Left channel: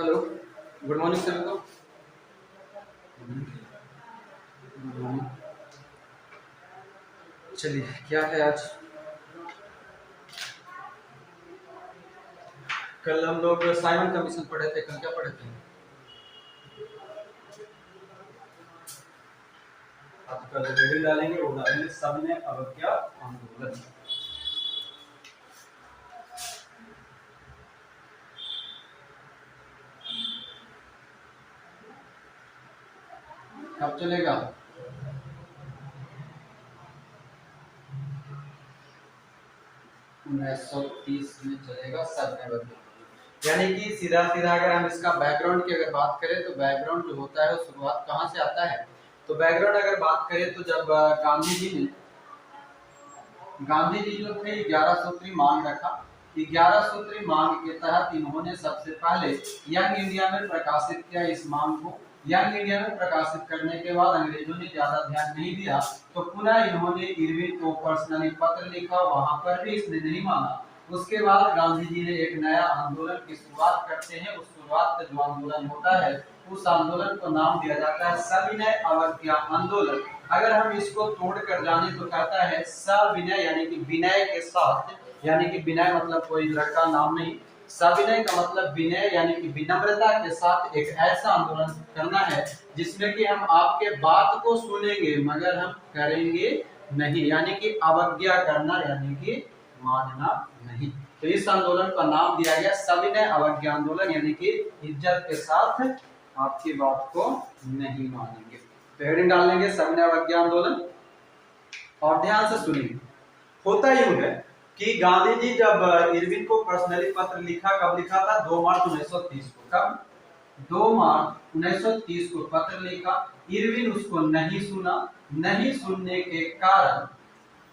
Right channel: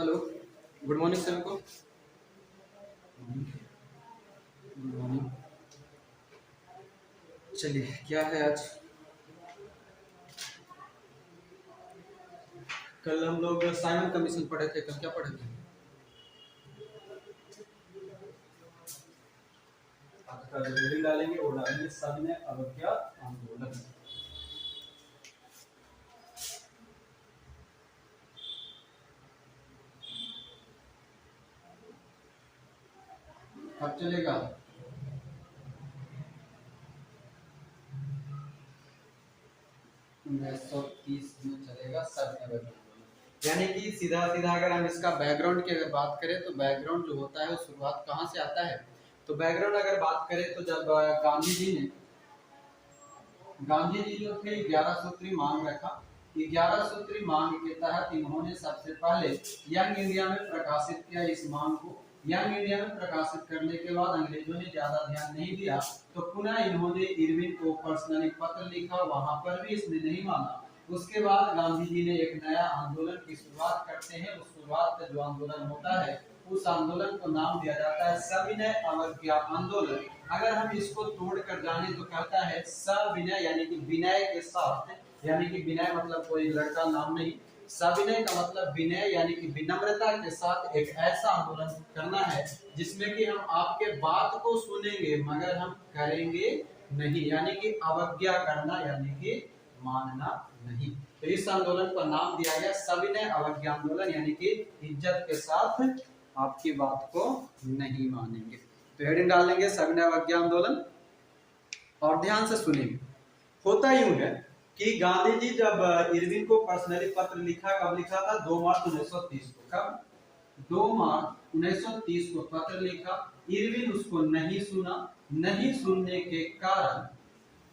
Hello, good morning sir को। Good morning. चलिए, क्या है आज? कल हम लोग साइमन कमीशन पढ़े थे। कल क्या पढ़े थे? आज कल हेडिंग डालेंगे, वो डालेंगे सबने अवज्ञा आंदोलन। कब चलेगा? उन्नीस सौ 30 में चलेगा सबने अवज्ञा। यानी कि सीधा सीधा अगर हम इसका बैकग्राउंड की अगर बात करें तो बैकग्राउंड जो होता है वो शुरुआत कहाँ से आता है? तो बैकग्राउंड अगर बात करें तो जब गांधी जी जो थे 11 सूत्री मांग रखा। 11 सूत्री मांग के तहत इन्होंने सबसे पहले यंग इंडिया में प्रकाशित किया इस मांग को। यंग इंडिया में प्रकाशित करने के बाद अंग्रेजों ने ज्यादा ध्यान नहीं दिया, तो पुनः इन्होंने इरविन को पर्सनली पत्र लिखा, वहां पर भी इसने नहीं माना। उसके बाद गांधी जी ने एक नया आंदोलन की शुरुआत करते हैं। उस शुरुआत का जो आंदोलन होता है उस आंदोलन को नाम दिया जाता है सविनय अवज्ञा आंदोलन। अगर हम इसको तोड़ कर जाने तो कहता है सविनय यानी कि विनय के साथ, यानी कि विनय मतलब कोई लड़का नाम नहीं, सविनय का मतलब विनय यानी कि विनम्रता के साथ एक ऐसा आंदोलन करना है जिसमें कि हम आपके बात को सुनेंगे मगर हम करेंगे नहीं, यानी कि अवज्ञा करना यानी कि मानना नहीं। तो इस आंदोलन का नाम दिया गया सविनय अवज्ञा आंदोलन, यानी कि इज्जत के साथ आपकी बात को नहीं मानेंगे। तो हेडिंग डाल देंगे सविनय अवज्ञा आंदोलन। और ध्यान से सुनिए, होता यूं है कि गांधी जी जब इरविन को पर्सनली पत्र लिखा, कब लिखा था? 2 मार्च 1930 को। कब? 2 मार्च 1930 को पत्र लिखा। इरविन उसको नहीं सुना। नहीं सुनने के कारण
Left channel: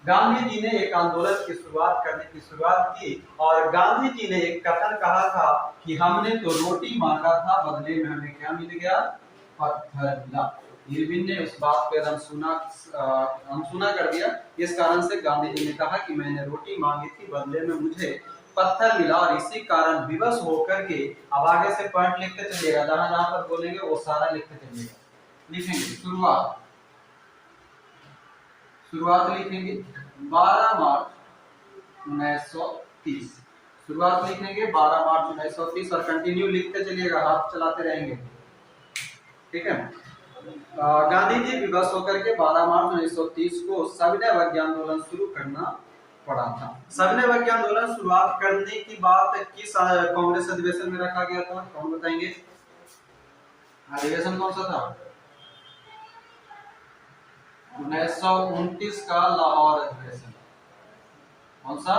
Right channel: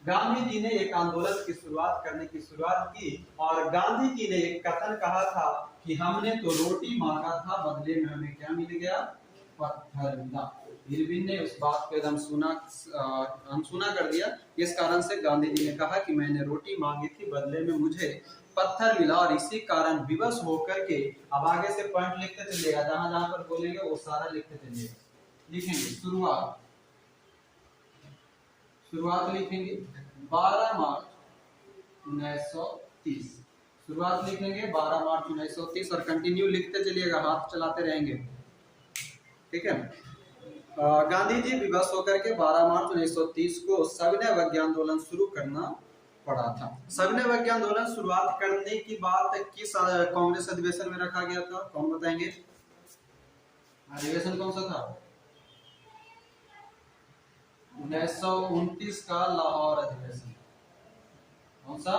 गांधी जी ने एक आंदोलन की शुरुआत की और गांधी जी ने एक कथन कहा था कि हमने तो रोटी मांगा था, बदले में हमें क्या मिल गया? पत्थर मिला। इरविन ने उस बात पर अनसुना कर दिया। इस कारण से गांधी जी ने कहा कि मैंने रोटी मांगी थी, बदले में मुझे पत्थर मिला। और इसी कारण विवश होकर के अब आगे से पॉइंट लिखते चलिएगा, जहां जहां पर बोलेंगे वो सारा लिखते चलिएगा। लिखेंगे शुरुआत लिखेंगे 12 मार्च 1930। शुरुआत लिखेंगे 12 मार्च 1930 और कंटिन्यू लिखते चलिएगा, हाथ चलाते रहेंगे। ठीक है। गांधी जी विवश होकर के 12 मार्च 1930 को सविनय अवज्ञा आंदोलन शुरू करना पड़ा था। सविनय अवज्ञा आंदोलन शुरुआत करने की बात किस कांग्रेस अधिवेशन में रखा गया था? कौन बताएंगे? अधिवेशन कौन सा था? 1929 का लाहौर अधिवेशन। कौन सा?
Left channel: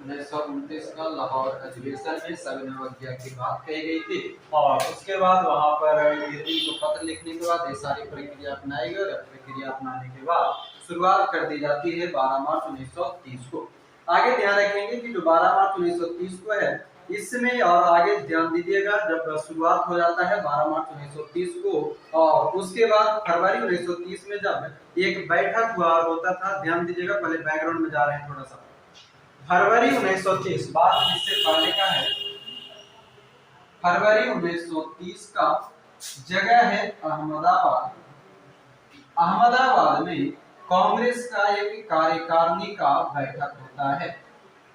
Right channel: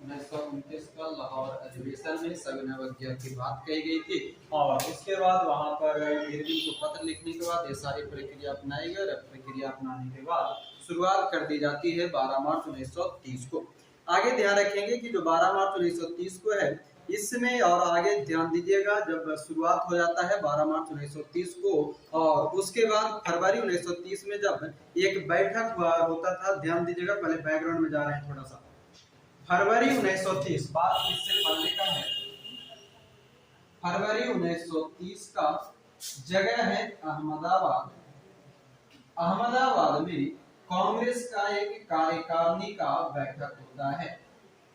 1929 का लाहौर अधिवेशन में सविनय अवज्ञा की बात कही गई थी। और उसके बाद वहां पर इरविन को पत्र लिखने के बाद ये सारी प्रक्रिया अपनाई गई। प्रक्रिया अपनाने के बाद शुरुआत कर दी जाती है 12 मार्च 1930 को। आगे ध्यान रखेंगे कि जो 12 मार्च 1930 को है इसमें, और आगे ध्यान दीजिएगा, जब शुरुआत हो जाता है 12 मार्च 1930 को और उसके बाद फरवरी 1930 में जब एक बैठक हुआ होता था, ध्यान दीजिएगा, पहले बैकग्राउंड में जा रहे हैं थोड़ा सा। फरवरी 1930 बात इससे पहले का है। फरवरी 1930 का जगह है अहमदाबाद। अहमदाबाद में कांग्रेस का एक कार्यकारिणी का बैठक होता है।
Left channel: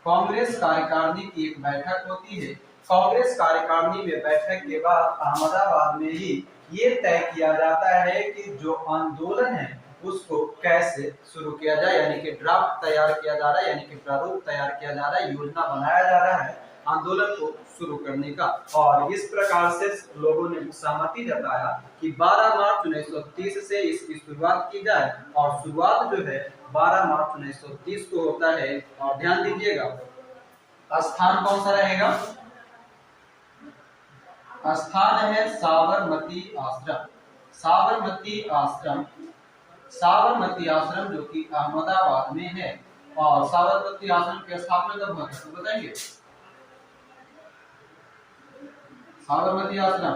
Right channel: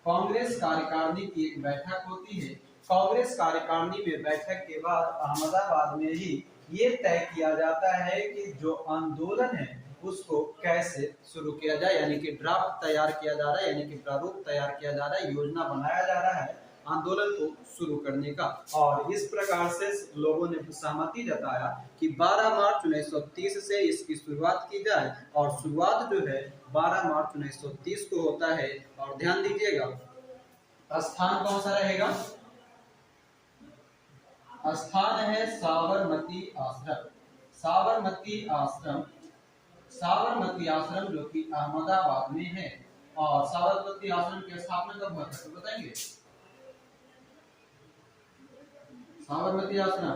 कांग्रेस कार्यकारिणी की एक बैठक होती है। कांग्रेस कार्यकारिणी में बैठक के बाद अहमदाबाद में ही ये तय किया जाता है कि जो आंदोलन है उसको कैसे शुरू किया जाए, यानी कि ड्राफ्ट तैयार किया जा रहा है, यानी कि प्रारूप तैयार किया जा रहा है, योजना बनाया जा रहा है आंदोलन को शुरू करने का। और इस प्रकार से लोगों ने सहमति जताया कि 12 मार्च 1930 से इसकी शुरुआत की जाए। और शुरुआत जो है 12 मार्च 1930 को होता है। और ध्यान दीजिएगा, स्थान कौन सा रहेगा? स्थान है साबरमती आश्रम। साबरमती आश्रम, साबरमती आश्रम जो कि अहमदाबाद में है। और साबरमती आश्रम की स्थापना कब हुआ था तो बताएंगे? साबरमती आश्रम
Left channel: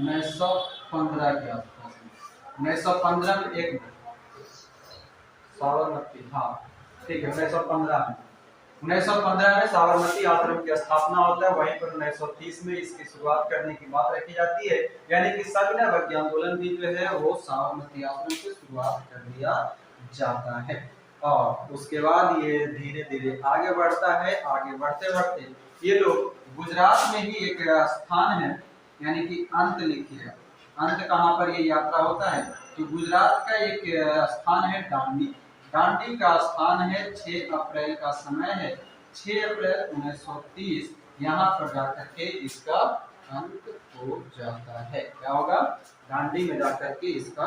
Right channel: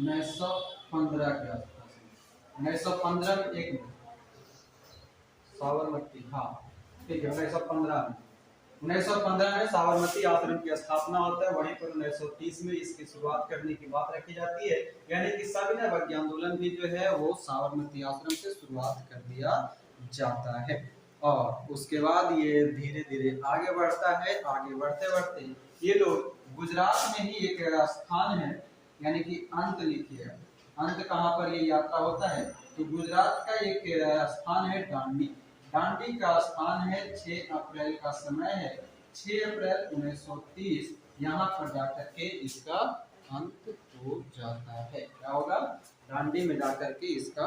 1915 के आसपास, 1915 में। एक मिनट, साबरमती, हाँ ठीक है, 1915 में। 1915 में साबरमती आश्रम की स्थापना होता है, वहीं पर 1930 में इसकी शुरुआत करने की बात रखी जाती है। यानी कि सविनय भक्ति आंदोलन भी जो है वो साबरमती आश्रम से शुरुआत कर दिया जाता है। और उसके बाद ये धीरे धीरे आगे बढ़ता है। आगे बढ़ते बढ़ते ये लोग गुजरात में ही एक स्थान है, यानी कि अंत लिखिए, अंत कहाँ पर ये यात्रा होता है, तो गुजरात का एक स्थान है दांडी। दांडी का स्थान है, 6 अप्रैल का समय है, 6 अप्रैल 1930 यहाँ पर जाकर के इसका अंत हो जाता है। क्या होगा, दांडी में जाकर के इसका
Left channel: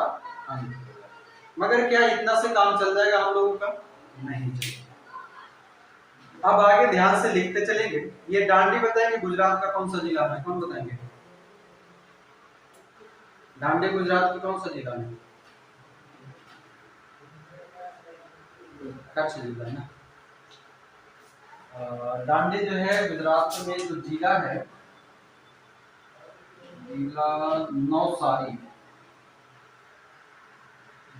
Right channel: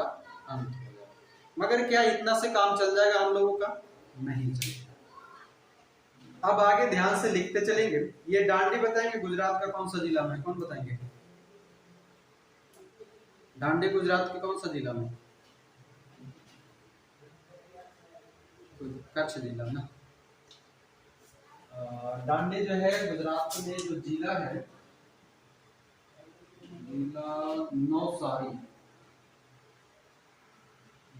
अंत होगा। मगर क्या इतना से काम चल जाएगा हम लोगों का? नहीं चलेगा। अब आगे ध्यान से लिखते चलेंगे। ये दांडी बताएंगे गुजरात का कौन सा जिला में, कौन बताएंगे? दांडी गुजरात के कौन सा जिला में? कच्छ जिला ना। दांडी जो है गुजरात में जो जिला है, जिला नौसारी।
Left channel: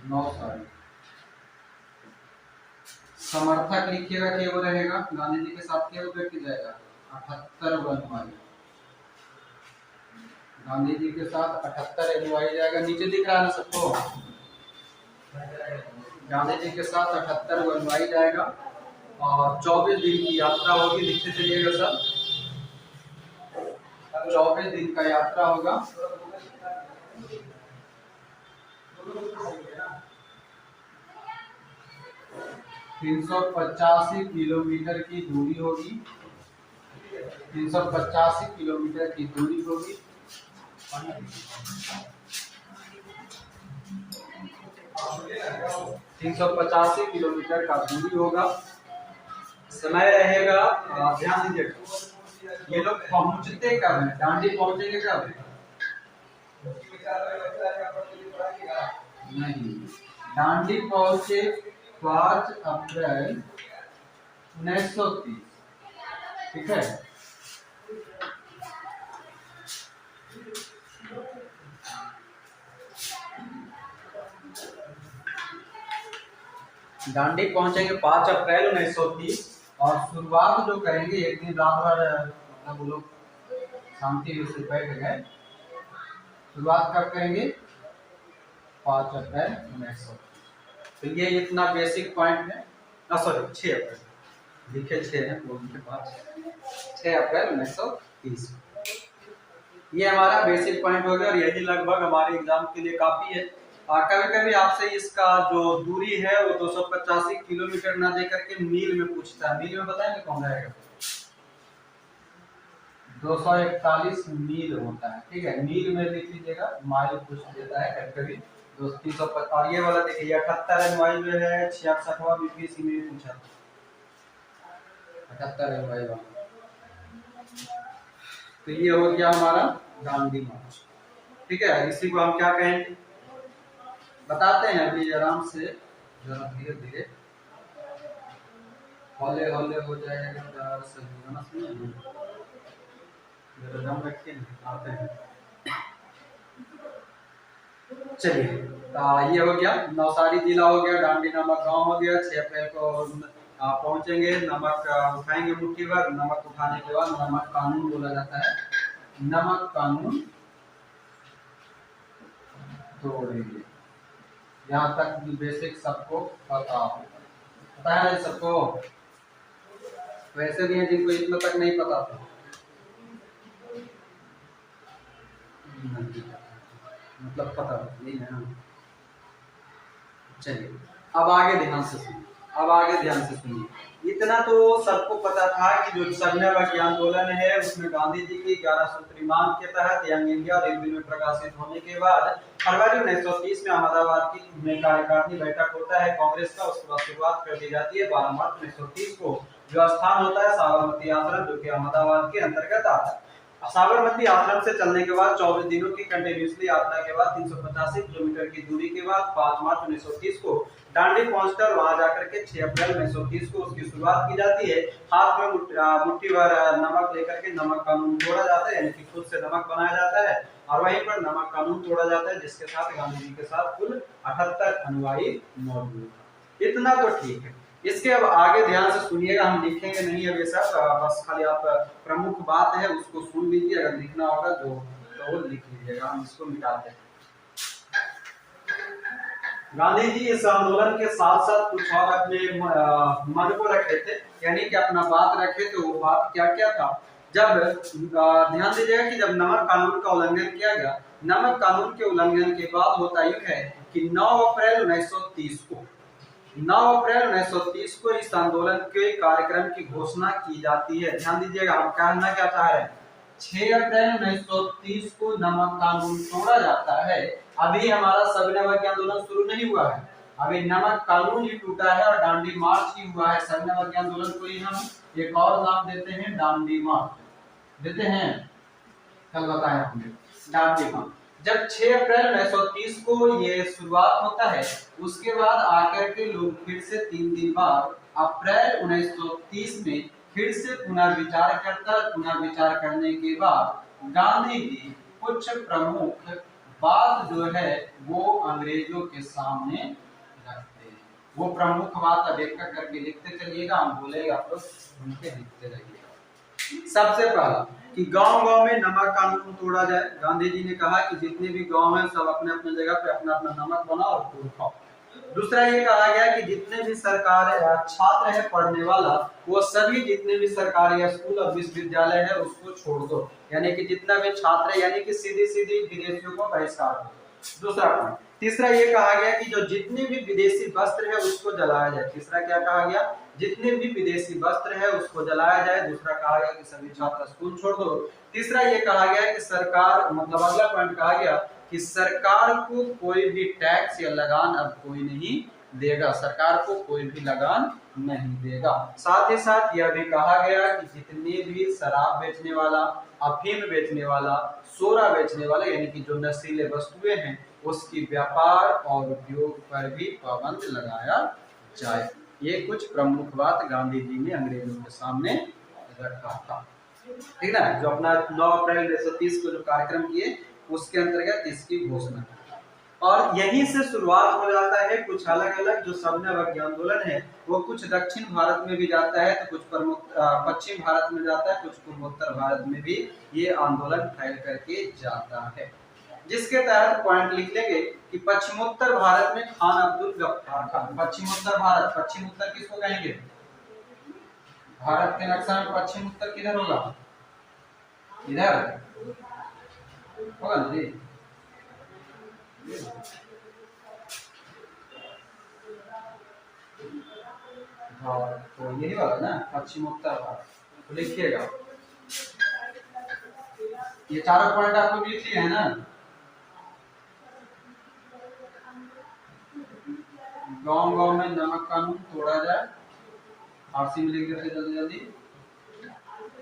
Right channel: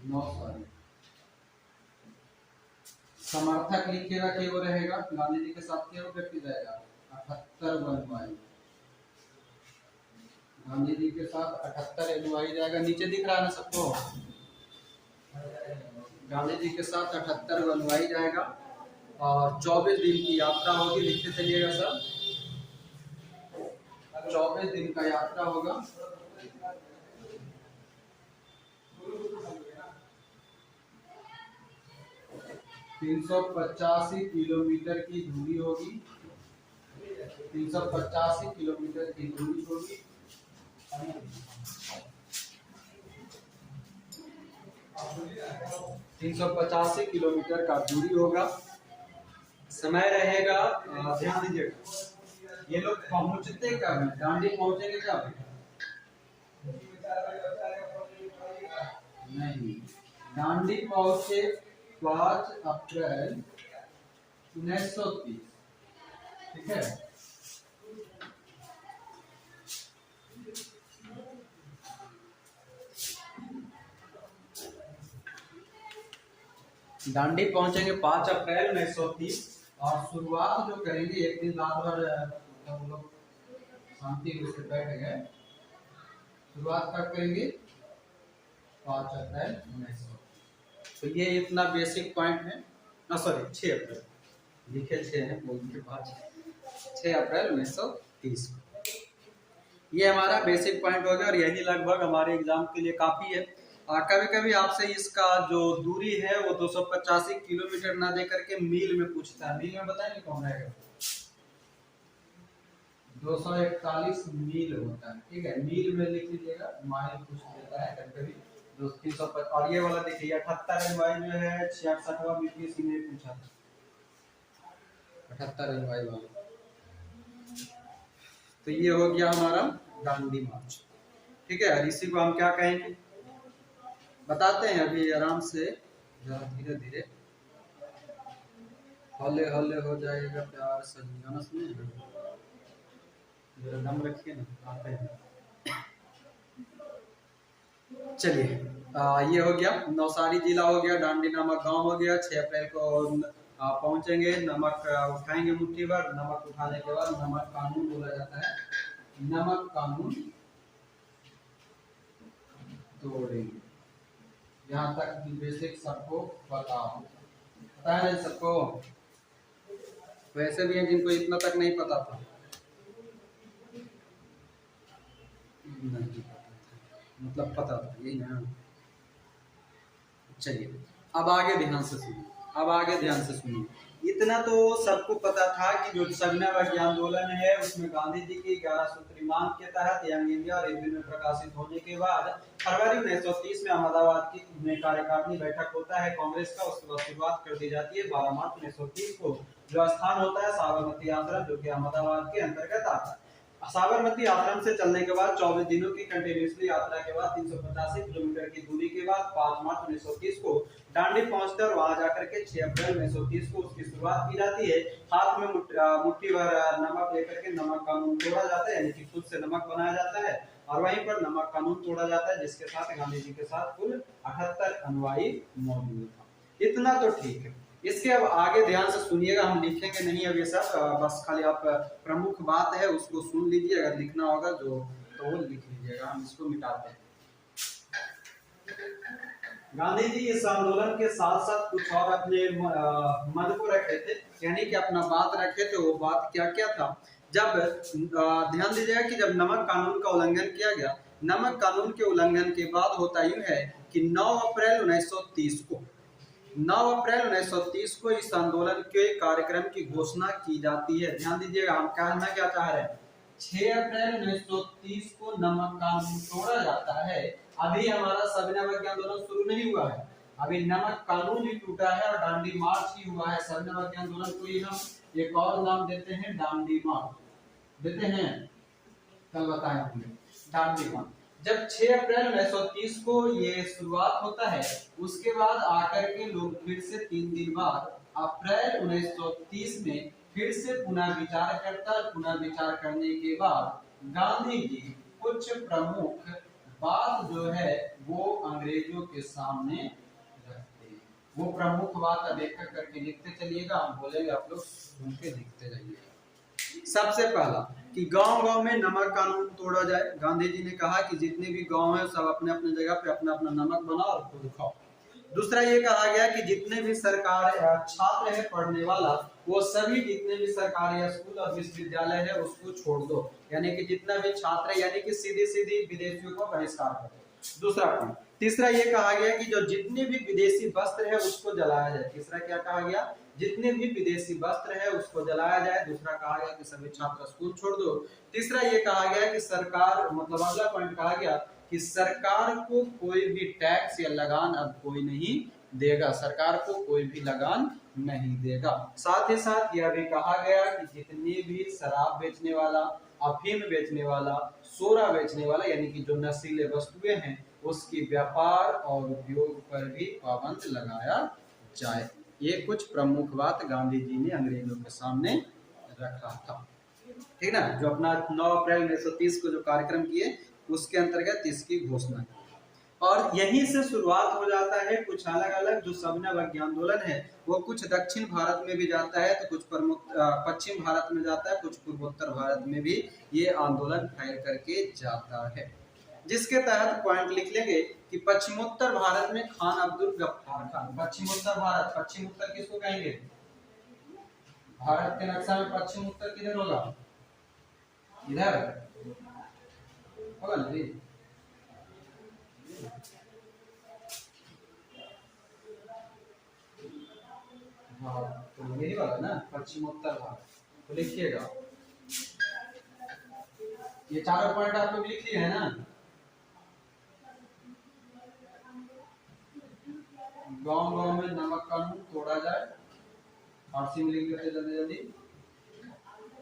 नौसारी समर्थक लिखे रखे वो रहेगा, गांधी जी के साथ क्या व्यक्ति जाएगा, 78 अनुयायी। गांधी जी के साथ 78 अनुयायी जाएगा। नीचे दिख रहा है ना सबको? गांधी जी के साथ 78 अनुयायी जाएगा और 24 दिन की यात्रा होगी। लिखते चलिएगा सब, 24 दिन का यात्रा होगा। 385 किलोमीटर की दूरी होगी। 385 किलोमीटर की दूरी होगी। 385 किलोमीटर का दूरी होगा। समय रहेगा, ध्यान दीजिएगा, ये लोग पहुंचते कब है, दांडी पहुंचेंगे कब? नहीं, दांडी पहुंचे 5 अप्रैल 1930। ठीक है, दांडी पहुंचेंगे 5 अप्रैल 1930 और शुरुआत जो करेंगे, एक दिन रात भर मतलब वो लोग शांति से बैठ गए। शुरुआत कब करेंगे? 5 अप्रैल 1930। तो ये इतना बेसिक पॉइंट है। सॉरी 6 अप्रैल लिखे 6 है, बोल के बाद 6 अप्रैल 1930। ये हमारा बेसिक पॉइंट हो गया और यही लगभग हमारे एग्जाम के लिए काफी है। कभी कभी आपसे इसका जो दूरी है वो 285 किलोमीटर ना दे करके मील में पूछता है। मील में बताएंगे कौन रहेगा? 241 मील होता है। ठीक है, मील में लिख लीजिएगा, माइल पूछ देता है कभी। 350। और ये वाला देखिए 78 एनवाई जो है 66वां बीपीएससी में पूछा, 78 एनवाई वाला। तो ये हो गया हमारा दांडी मार्च। ठीक है, इसी को हम क्या कहेंगे बताते हैं अभी आराम से, जरा धीरे धीरे, हौले हौले हो जाएगा प्यार से। जरा दम रखिए ना, आते हैं। चलिए, ये हो गया, नवसारी जिला हो गया, दांडी नामक गांव हो गया। 6 अप्रैल को पहुंचेंगे। नमक उठाएंगे मुट्ठी भर। नमक उठाने के बाद नमक कानून बोला जाता है, नमक कानून तोड़ेंगे। यहाँ तक भी बेसिक सबको पता हो, पता है सबको? वैसे भी है जिनको इतना तक नहीं पता था, मतलब पता नहीं है। चलिए, अब आगे ध्यान से सुनिए, अब आगे ध्यान से सुनिए। इतना तो सबको पता था कि जो सविनय अवज्ञा आंदोलन है उसमें गांधी जी की 11 सूत्री मांग के तहत यंग इंडिया रेलवे में प्रकाशित होने के बाद फरवरी 1930 में अहमदाबाद में कार्यकारिणी बैठक होता है कांग्रेस का। उसके बाद शुरुआत कर दी जाती है 12 मार्च 1930 को। जो स्थान होता है साबरमती आश्रम, जो कि अहमदाबाद के अंतर्गत आता है। साबरमती आश्रम से चलने के बाद 24 दिनों की कंटिन्यूसली यात्रा के बाद 385 किलोमीटर की दूरी के बाद 5 मार्च 1930 को दांडी पहुंचकर वहां जाकर के 6 अप्रैल 1930 को उसकी शुरुआत की जाती है। हाथ में मुट्ठी भर नमक लेकर के नमक कानून तोड़ा जाता है, यानी कि खुद से नमक बनाया जाता है और वहीं पर नमक कानून तोड़ा जाता है, जिसके साथ गांधी जी के साथ कुल 78 अनुयायी मौजूद था। इतना तो ठीक है। इसके अब आगे ध्यान से सुनिएगा, हम लिखेंगे नहीं अब ये सब, बस खाली आप प्रमुख बात है उसको सुन लीजिए, अगर लिखना होगा तो लिख लीजिएगा, हम इसको मिटाते हैं। गांधी जी इस आंदोलन के साथ साथ कुछ और अपने मन को रखे थे, यानी कि अपना बात रखे थे। वो बात क्या क्या था? जब ध्यान दीजिएगा कि जब नमक कानून का उल्लंघन किया गया, नमक कानून के उल्लंघन के बाद होता यूं है कि 9 अप्रैल 1930 को 9 अप्रैल 1930 को इस आंदोलन के कार्यक्रम की घोषणा की जाती है। ध्यान दीजिएगा, हम कहना क्या चाह रहे हैं, 6 अप्रैल 1930 को नमक कानून तोड़ा जाता है। अभी हमारा सविनय अवज्ञा आंदोलन शुरू नहीं हुआ है, अभी नमक कानून ही टूटा है और डांडी मार्च ही हुआ है। सविनय अवज्ञा आंदोलन को ही हम एक और नाम देते हैं, डांडी मार्च देते हैं, कल बताया हमने डांडी मार्च। जब 6 अप्रैल 1930 को ये शुरुआत होता है, उसके बाद आकर के लोग फिर से 3 दिन बाद अप्रैल 1930 में फिर से पुनर्विचार करता है। पुनर्विचार करने के बाद गांधी जी कुछ प्रमुख बात जो है वो अंग्रेजों के सामने रखते हैं। वो प्रमुख बात अब एक करके लिखते चलिएगा, हम बोलेंगे आप लोग उनके लिखते जाइएगा। सबसे पहला कि गांव-गांव में नमक कानून तोड़ा जाए। गांधी जी ने कहा कि जितने भी गांव हैं सब अपने अपने जगह पे अपना अपना नमक बनाओ और खूब खाओ। दूसरा ये कहा गया कि जितने भी सरकार छात्र है पढ़ने वाला, वो सभी जितने भी सरकारी स्कूल और विश्वविद्यालय है उसको छोड़ दो, यानी कि जितना भी छात्र है, यानी कि सीधी सीधी विदेशियों को बहिष्कार करो। दूसरा पॉइंट। तीसरा ये कहा गया कि जो जितने भी विदेशी वस्त्र है उसको जलाया जाए। तीसरा क्या कहा गया? जितने भी विदेशी वस्त्र है उसको जलाया जाए। दूसरा कहा गया कि सभी छात्र स्कूल छोड़ दो। तीसरा ये कहा गया कि सरकार, मतलब अगला पॉइंट कहा गया कि सरकार को कोई भी टैक्स या लगान अब कोई नहीं देगा, सरकार को कोई भी लगान नहीं देगा। साथ ही साथ यह भी कहा गया कि जितने भी शराब बेचने वाला, अफीम बेचने वाला, सोरा बेचने वाला, यानी कि जो नशीले वस्तुएं हैं, उसकी व्यापार और उपयोग पर भी पाबंद लगाया जाए। ये कुछ प्रमुख बात गांधी जी ने अंग्रेजों के सामने रखा था, ठीक ना। जो अपना 9 अप्रैल 1930 को जो कार्यक्रम किए उसके अंतर्गत इसकी घोषणा, और यहीं से शुरुआत हो जाता है कुछ अलग अलग जो सविनय अवज्ञा आंदोलन है, वो कुछ दक्षिण भारत में भी जाता है, तो कुछ प्रमुख पश्चिम भारत में जाता है, कुछ पूर्वोत्तर भारत में भी ये आंदोलन फैल करके जाता है। जिसके तहत पॉइंट लिख लेंगे कि पश्चिमोत्तर भारत में खान अब्दुल गफ्फार खान। पश्चिमोत्तर भारत, पश्चिम उत्तर किसको कहेंगे? भारत के नक्शा में पश्चिम उत्तर किधर होगा? इधर होगा ना जी। हाँ, तो यही वाला ना पश्चिमोत्तर भारत, तो लिखिएगा। ये चारों पॉइंट आपको लिख लिए है ना? गांव गांव में नमक कानून तोड़ा जाए, फारसी में लिख देते जल्दी जल्दी।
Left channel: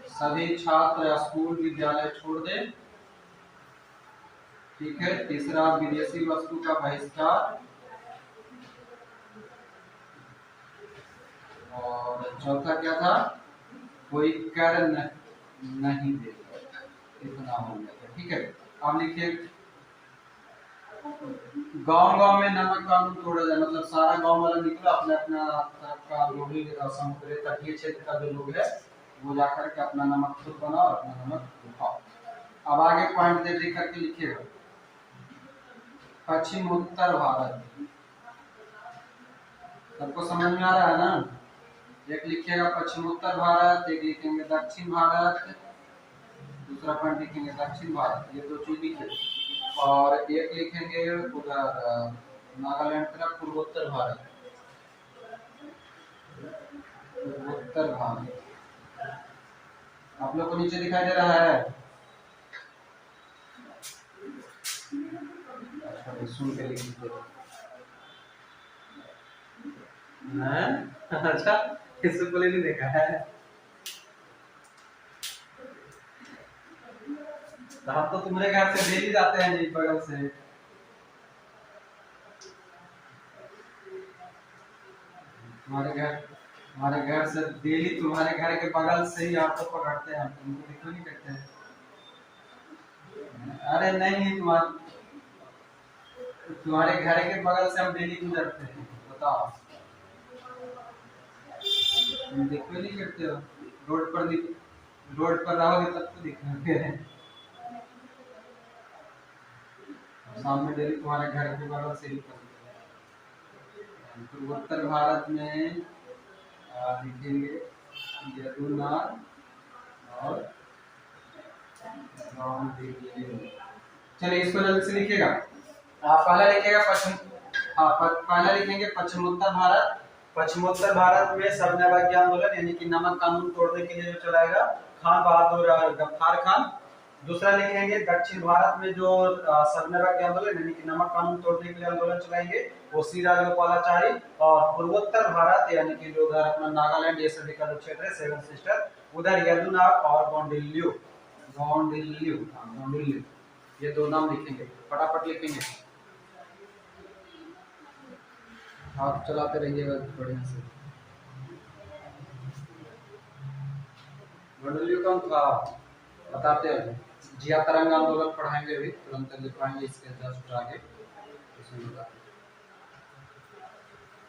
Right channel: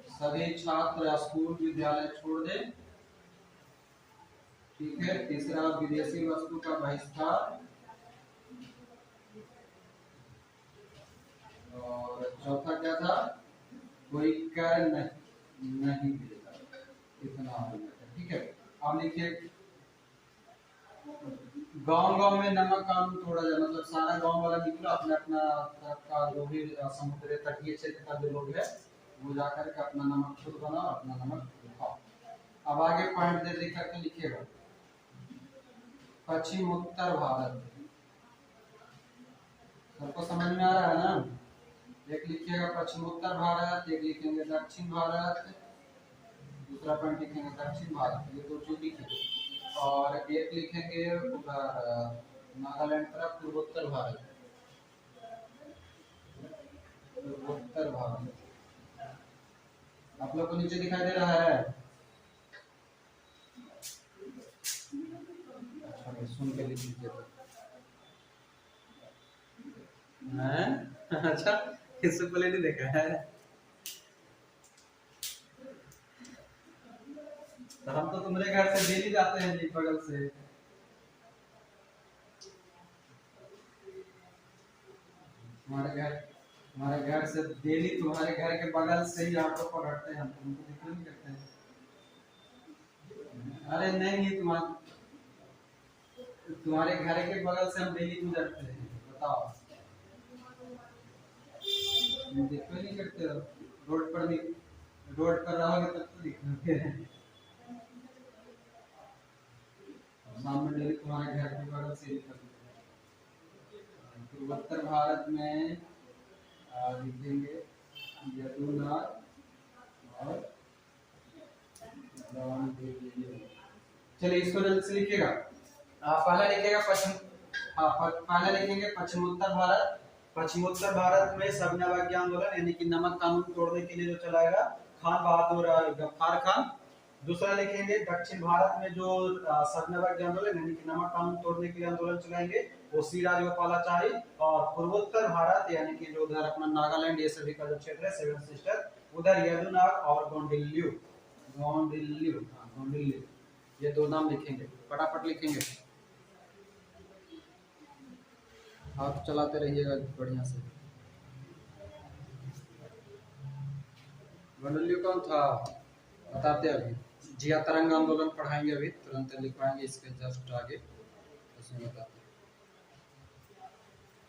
सभी छात्र स्कूल विद्यालय छोड़ दें, ठीक है। तीसरा विदेशी वस्तु का बहिष्कार, और चौथा क्या था? कोई कर नहीं देगा। इतना हो गया था, ठीक है। अब लिखिए गांव गांव में नमक कानून तोड़ा जाए, मतलब सारा गांव वाला निकला, अपने अपना तरफ का जो भी समुद्री तटीय क्षेत्र का जो लोग है वो जाकर के अपना नमक खुद बनाओ और अपना नमक खाओ। अब आगे पॉइंट दे करके लिखिएगा। पश्चिम उत्तर भारत, सबको समझ में आ रहा है ना? एक लिखिएगा पश्चिम उत्तर भारत, एक लिखेंगे दक्षिण भारत, दूसरा पॉइंट लिखेंगे दक्षिण भारत, ये दो चीज लिखिए। और एक लिखेंगे उधर नागालैंड तरफ पूर्वोत्तर भारत, पूर्वोत्तर भारत। आप लोग को नीचे दिखाई दे रहा है? अच्छा, सुन के लिख दीजिए। अच्छा, इसको तो नहीं देखा है। तो हम तो तुम्हारे घर से डेली जाते हैं जी, बगल से। हमारे घर से डेली, तुम्हारे घर के बगल से ही आपको पकड़ते हैं हम, तुमको दिखा नहीं करते हैं। अरे नहीं, तुम्हारे घर के बगल से हम डेली गुजरते हैं, बताओ। तुम देखो नहीं करते हो, रोड पर रोड पर रहोगे तब तो दिखोगे। सामने डेली तुम्हारे घर के बगल से निकलते हैं। पूर्वोत्तर भारत में लिखेंगे यमुना और चलिए इसको जल्दी से लिखिएगा। पहला लिखिएगा पश्चिम, पहला लिखेंगे पश्चिमोत्तर भारत। पश्चिमोत्तर भारत में सबनवाग्य आंदोलन यानी कि नमक कानून तोड़ने के लिए जो चलाएगा खान बहादुर गफ्फार खान। दूसरा लिखेंगे दक्षिण भारत में जो सबनवाग्य आंदोलन यानी कि नमक कानून तोड़ने के लिए आंदोलन चलाएंगे वो श्री राजगोपालाचारी। और पूर्वोत्तर भारत यानी कि जो उधर अपना नागालैंड ये सभी का जो क्षेत्र है सेवन सिस्टर, उधर यदुनाग और गोंडिल्लू, गोंडिल्लू ये दो नाम लिखेंगे, फटाफट लिखेंगे। आप चलाते रहिएगा बढ़िया से। गोंडिल्लू कौन था बताते हैं। जिया तरंग आंदोलन पढ़ाएंगे अभी, तुरंत लिखवाएंगे इसके जस्ट आगे। इसमें बता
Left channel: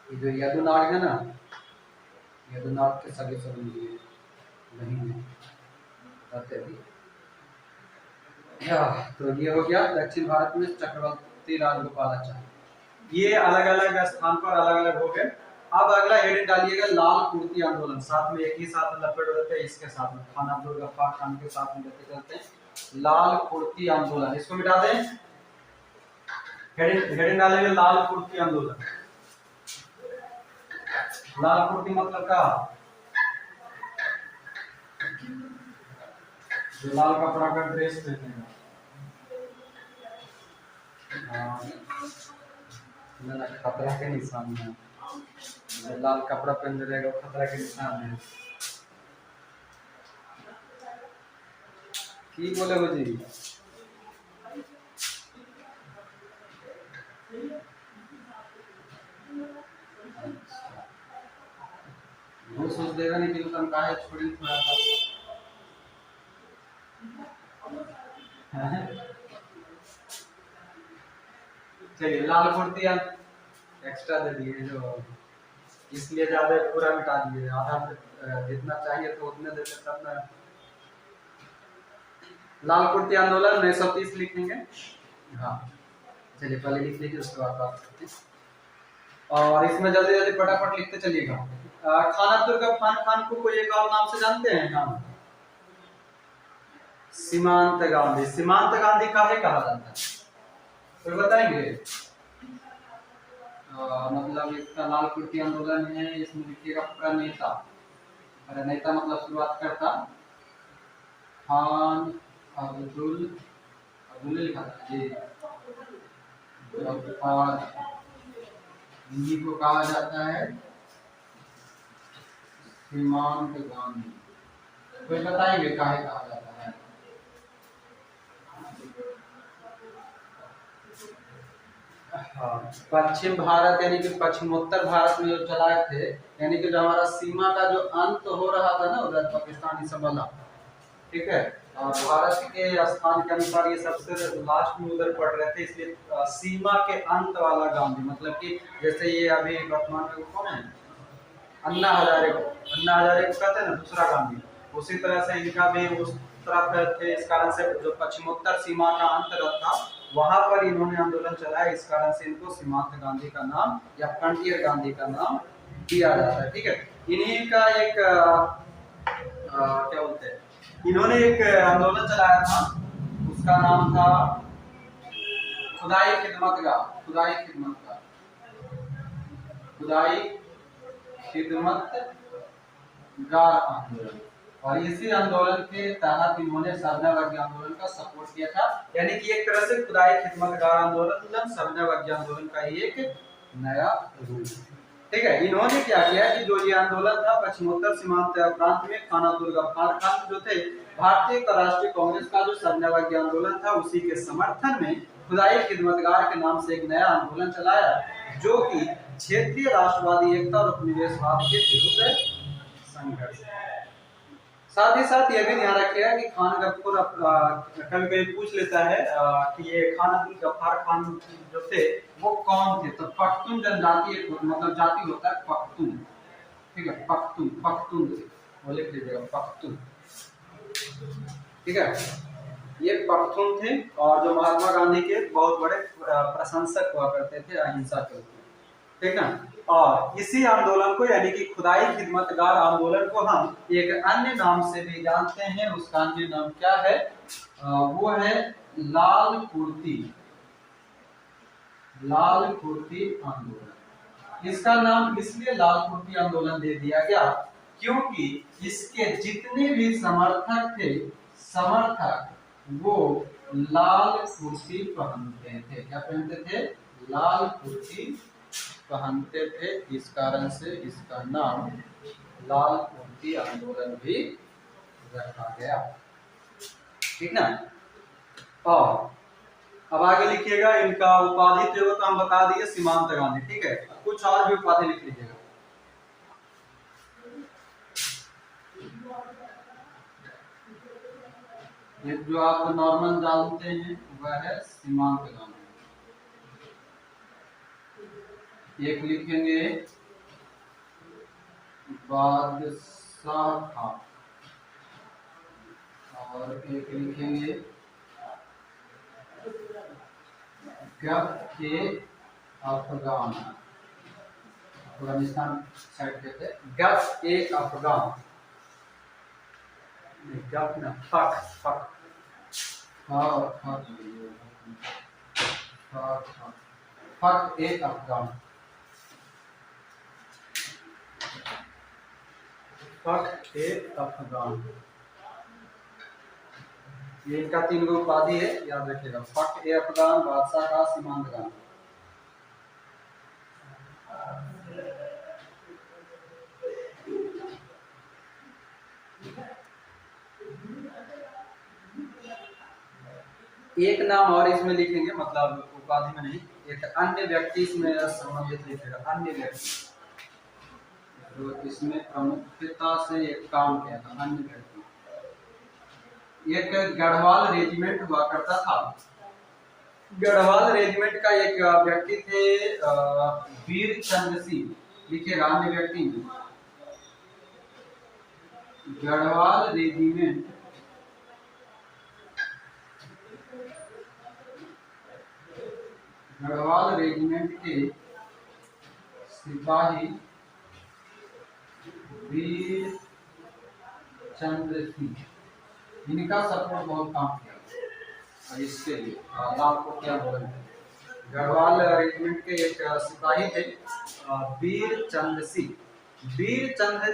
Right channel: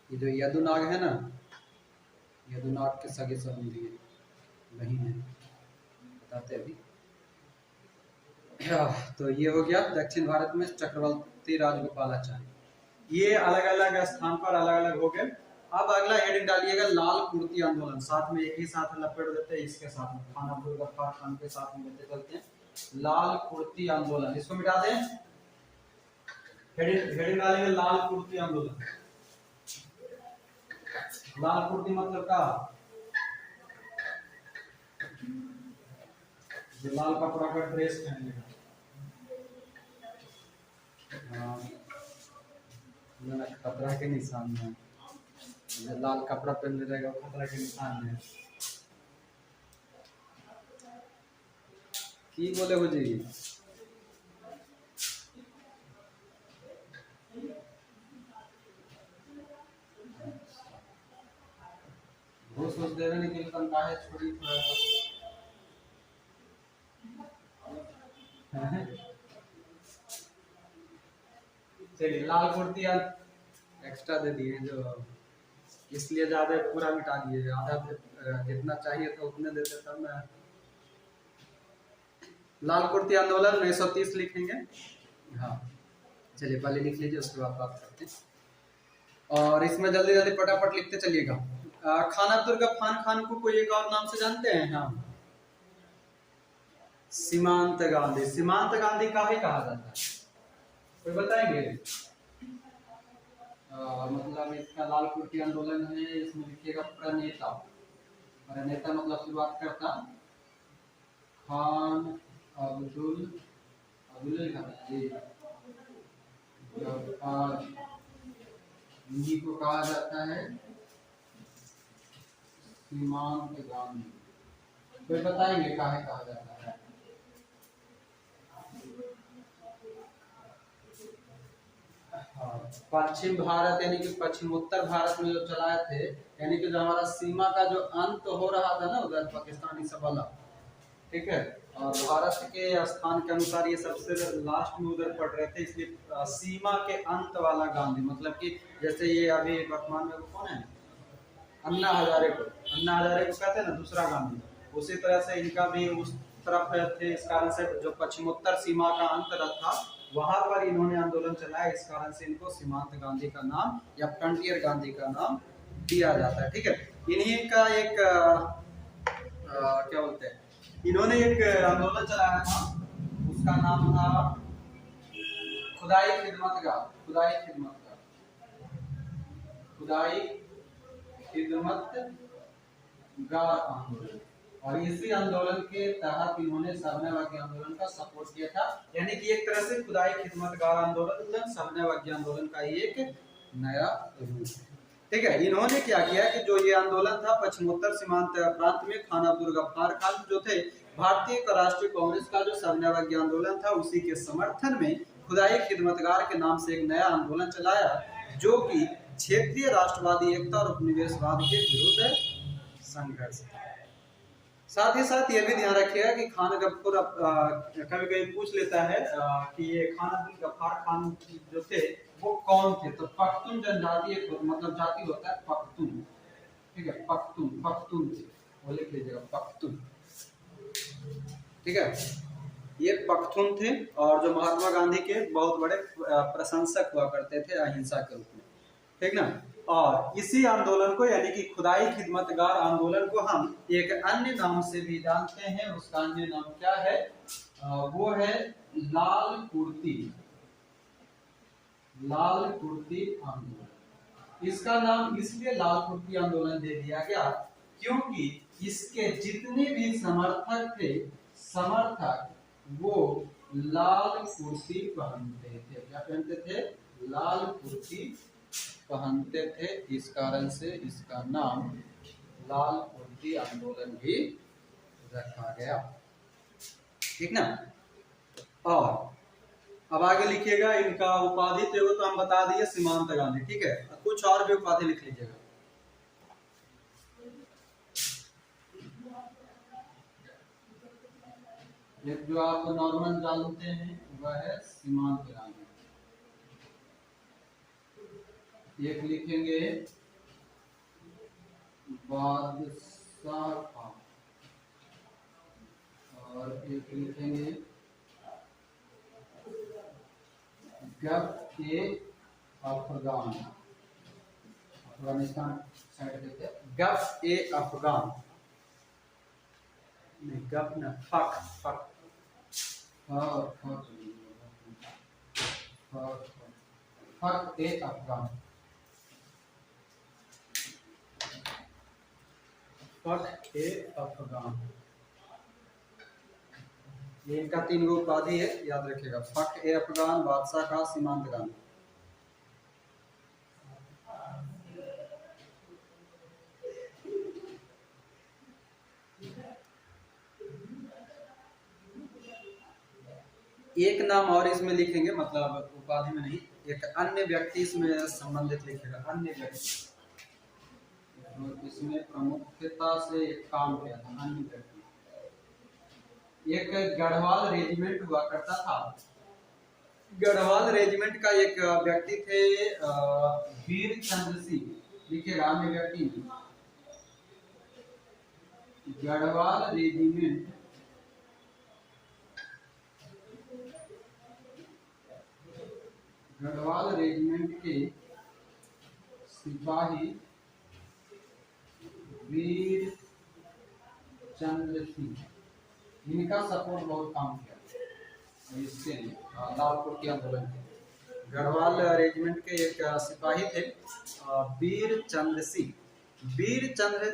जो यदुनाग है ना, यदुनाग के सगे संबंधी नहीं है, बताते अभी। तो ये हो गया दक्षिण भारत में चक्रवर्ती राजगोपालाचारी। ये अलग अलग स्थान पर अलग अलग हो गए। अब अगला हेडिंग डालिएगा लाल कुर्ती आंदोलन, साथ में एक ही साथ लपेट देते हैं इसके साथ में खान अब्दुल गफ्फार खान के साथ में लेते चलते हैं। लाल कुर्ती आंदोलन इसको मिटा दें। हेडिंग डालेंगे लाल कुर्ती आंदोलन। लाल कुर्ती मतलब क्या, जो लाल कपड़ा का ड्रेस पहनेगा। खतरा के निशान है, लाल कपड़ा पहन रहेगा खतरा के निशान है। की बोले हो जी, वो सोच देगा नहीं कि दुकान का है छोड़ी थोड़ा सा। चलिए लाल कुर्ती एक्स्ट्रा दे दिए जो, इसलिए ज्यादा पूरा मिटा दिए, आधा जितना चाहिए तो उतने देते तब ना। लाल कुर्ती आंदोलन 1930 लिखेंगे। हाँ चलिए पहले लिख लीजिए उसके बाद बात करते हैं। और इसमें जल्दी जल्दी फटाफट लिखते चलिएगा। खान अब्दुल गफ्फार खान को कोई एक और नाम से जानते हैं नाम, सीमांत गांधी। सीमांत गांधी काहे कहा जाता है कोई बताएंगे? मतलब इसका लाल कुर्ती आंदोलन है, इसमें लिखिएगा प्रणेता। प्रणेता मतलब शुरुआत करता खान अब्दुल, अब्दुल लिखा था जी गफ्फार, इन्हीं को कहा जाता है सीमांत गांधी। कोई बताएंगे काहे कहा जाता है? पश्चिम भारत यानी कि पश्चिमोत्तर भारत में जो चलाए थे, यानी कि जो हमारा सीमा का जो अंत हो रहा था ना उधर पाकिस्तानी सब बना, ठीक है, और भारत के स्थान के अनुसार ये सबसे लास्ट में उधर पड़ रहे थे, इसलिए सीमा के अंत वाला गांधी। मतलब कि जैसे ये अभी वर्तमान में कौन है, अन्ना हजारे, अन्ना हजारे को कहते हैं ना दूसरा गांधी, उसी तरह से इनका भी उस तरफ थे। इस कारण से जो पश्चिमोत्तर सीमा का अंत था वहां पर इन्होंने आंदोलन चलाया, इस कारण से इनको सीमांत गांधी का नाम या फ्रंटियर गांधी का नाम दिया जाता है। ठीक है, इन्हीं का एक क्या बोलते हैं, इन्होंने एक आंदोलन चलाया था, उसका नाम था खुदाई खिदमतगार, खुदाई खिदमतगार, खुदाई खिदमतगार आंदोलन। और इसी आंदोलन के तहत इन्होंने सबनवाग्य आंदोलन का सपोर्ट किया था, यानी कि एक तरह से खुदाई खिदमतगार आंदोलन सबनवाग्य आंदोलन का ही एक नया रूप। ठीक है, इन्होंने क्या किया कि जो ये आंदोलन था पश्चिमोत्तर सीमांत प्रांत में खान अब्दुल गफ्फार खान जो थे, भारतीय राष्ट्रीय कांग्रेस का जो सबनवाग्य आंदोलन था उसी के समर्थन में खुदाई खिदमतगार के नाम से एक नया आंदोलन चलाया, जो कि क्षेत्रीय राष्ट्रवादी एकता और उपनिवेशवाद के विरुद्ध संघर्ष। साथ ही साथ ये भी ध्यान रखिएगा कि खान गफ्फार कभी कभी पूछ लेता है कि ये खान अब्दुल गफ्फार खान जो थे वो कौन थे, तो पख्तून जनजाति एक मतलब जाति होता है पख्तून, ठीक है, पख्तून, पख्तून वो लिख लीजिएगा, पख्तून। ठीक है, ये पख्तून थे और जो महात्मा गांधी के बहुत बड़े प्रशंसक हुआ करते थे अहिंसा के रूप में। ठीक ना। और इसी आंदोलन को यानी कि खुदाई खिदमतगार आंदोलन को हम एक अन्य नाम से भी जानते हैं। उसका अन्य नाम क्या है? वो है लाल कुर्ती, लाल कुर्ती आंदोलन। इसका नाम इसलिए लाल कुर्ती आंदोलन दे दिया गया क्योंकि इसके जितने भी समर्थक थे, समर्थक वो लाल कुर्ती पहनते थे। क्या पहनते थे? लाल कुर्ती पहनते थे। इस कारण से इसका नाम लाल कुर्ती आंदोलन भी रखा गया। ठीक ना। और अब आगे लिखिएगा, इनका उपाधि जो तो हम बता दिए सीमांत गांधी। ठीक है, कुछ और भी उपाधि लिख लीजिएगा। एक जो आप नॉर्मल जानते हैं वह है सीमांत गांधी। एक लिखेंगे बादशाह था और एक लिखेंगे गफ ए अफगान, अफगानिस्तान साइड के थे। गफ ए अफगान, गफ ना, फक फक फक ए अफगान, फक ए अफगान। ये इनका 3 गो उपाधि है, याद रखिएगा। फक ए अफगान, बादशाह का, सीमांत गांधी। एक नाम और इसमें लिखेंगे, मतलब उपाधि में नहीं, एक अन्य व्यक्ति इसमें संबंधित लिखेगा। अन्य व्यक्ति जो इसमें प्रमुखता से एक काम किया था, अन्य व्यक्ति। एक गढ़वाल रेजिमेंट हुआ करता था। गढ़वाल रेजिमेंट का एक व्यक्ति थे वीर चंद्र सिंह, लिखिएगा अन्य व्यक्ति में। गढ़वाल रेजिमेंट के सिपाही वीर चंद्र सिंह, इनका सपोर्ट बहुत काम किया और इसके लिए लाल कुर्ती आंदोलन। गढ़वाल रेजिमेंट के एक सिपाही थे वीर चंद्र सिंह। वीर चंद्र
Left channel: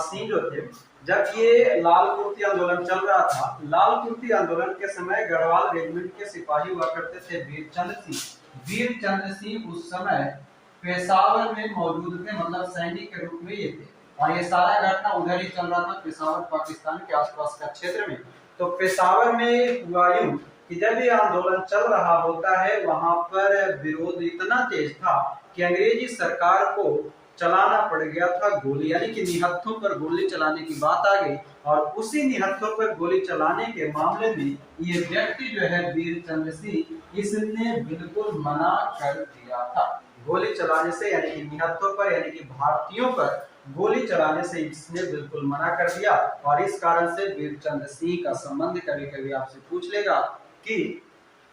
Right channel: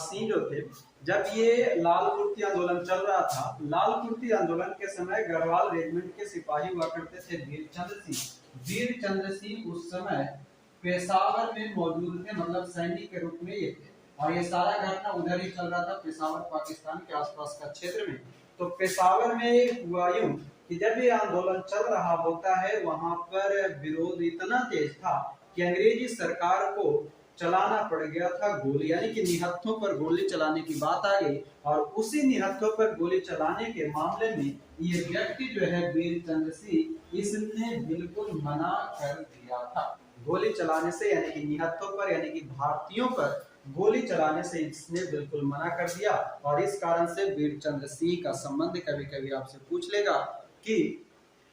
सिंह जो थे, जब ये लाल कुर्ती आंदोलन चल रहा था, लाल कुर्ती आंदोलन के समय गढ़वाल रेजिमेंट के सिपाही हुआ करते थे वीर चंद्र सिंह। वीर चंद्र सिंह उस समय पेशावर में मौजूद थे, मतलब सैनिक के रूप में ये थे। और ये सारा घटना उधर ही चल रहा था, पेशावर पाकिस्तान के आसपास का क्षेत्र में। तो पेशावर में हुआ यूं कि जब ये आंदोलन चल रहा होता है, वहां पर विरोध इतना तेज था कि अंग्रेजी सरकार को चलाना पड़ गया था गोली, यानी कि निहत्थों पर गोली चलाने की बात आ गई। और उसी निहत्थों पर गोली चलाने के मामले में ये व्यक्ति जो है वीर चंद्र सिंह, इसने बिल्कुल मना कर दिया था गोली चलाने से, यानी कि निहत्थों पर, यानी कि भारतीयों पर गोली चलाने से इसने बिल्कुल मना कर दिया। और इस कारण से वीर चंद्र सिंह का संबंध कभी कभी आपसे पूछ लेगा कि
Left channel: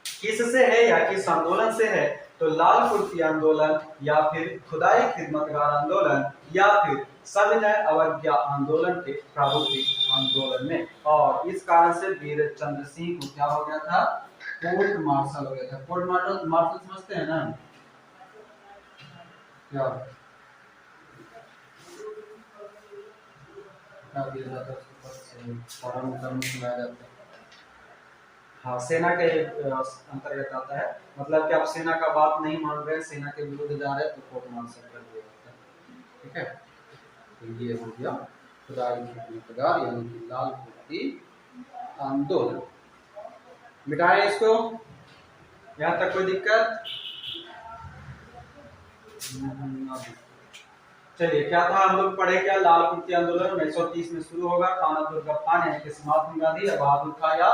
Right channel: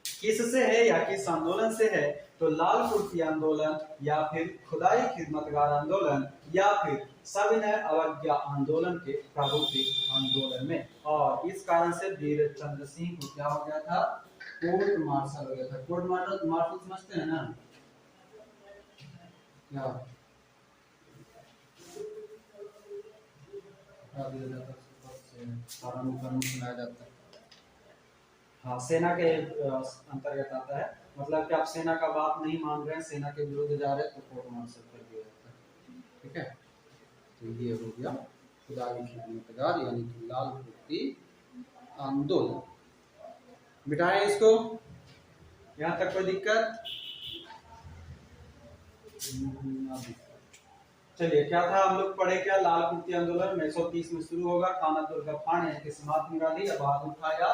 किससे है या किस आंदोलन से है, तो लाल कुर्ती आंदोलन या फिर खुदाई खिदमतगार आंदोलन या फिर सविनय अवज्ञा आंदोलन के प्रारूपिक आंदोलन में। और इस कारण से वीर चंद्र सिंह को क्या हो गया था? कोर्ट मार्शल हो गया था। कोर्ट मार्शल समझते हैं ना क्या? हाँ, सेना के अंतर्गत आता है। मतलब कि आप सेना का बात नहीं मान रहे, सेना के विरुद्ध जा रहे हैं, तो कोर्ट मार्शल कर दिया जाता है। ठीक है, तो ये हो गया खुदाई खिदमतगार यानी कि लाल कुर्ती आंदोलन। मिटाए इसको, यहाँ तक कोई दिक्कत? चलिए, क्या था हम लोग पढ़े क्या? लाल कुर्ती आंदोलन 1930 में शुरू होगा। खानापुर गफ्फार यानी कि महात्मा गांधी या बहादुर खां या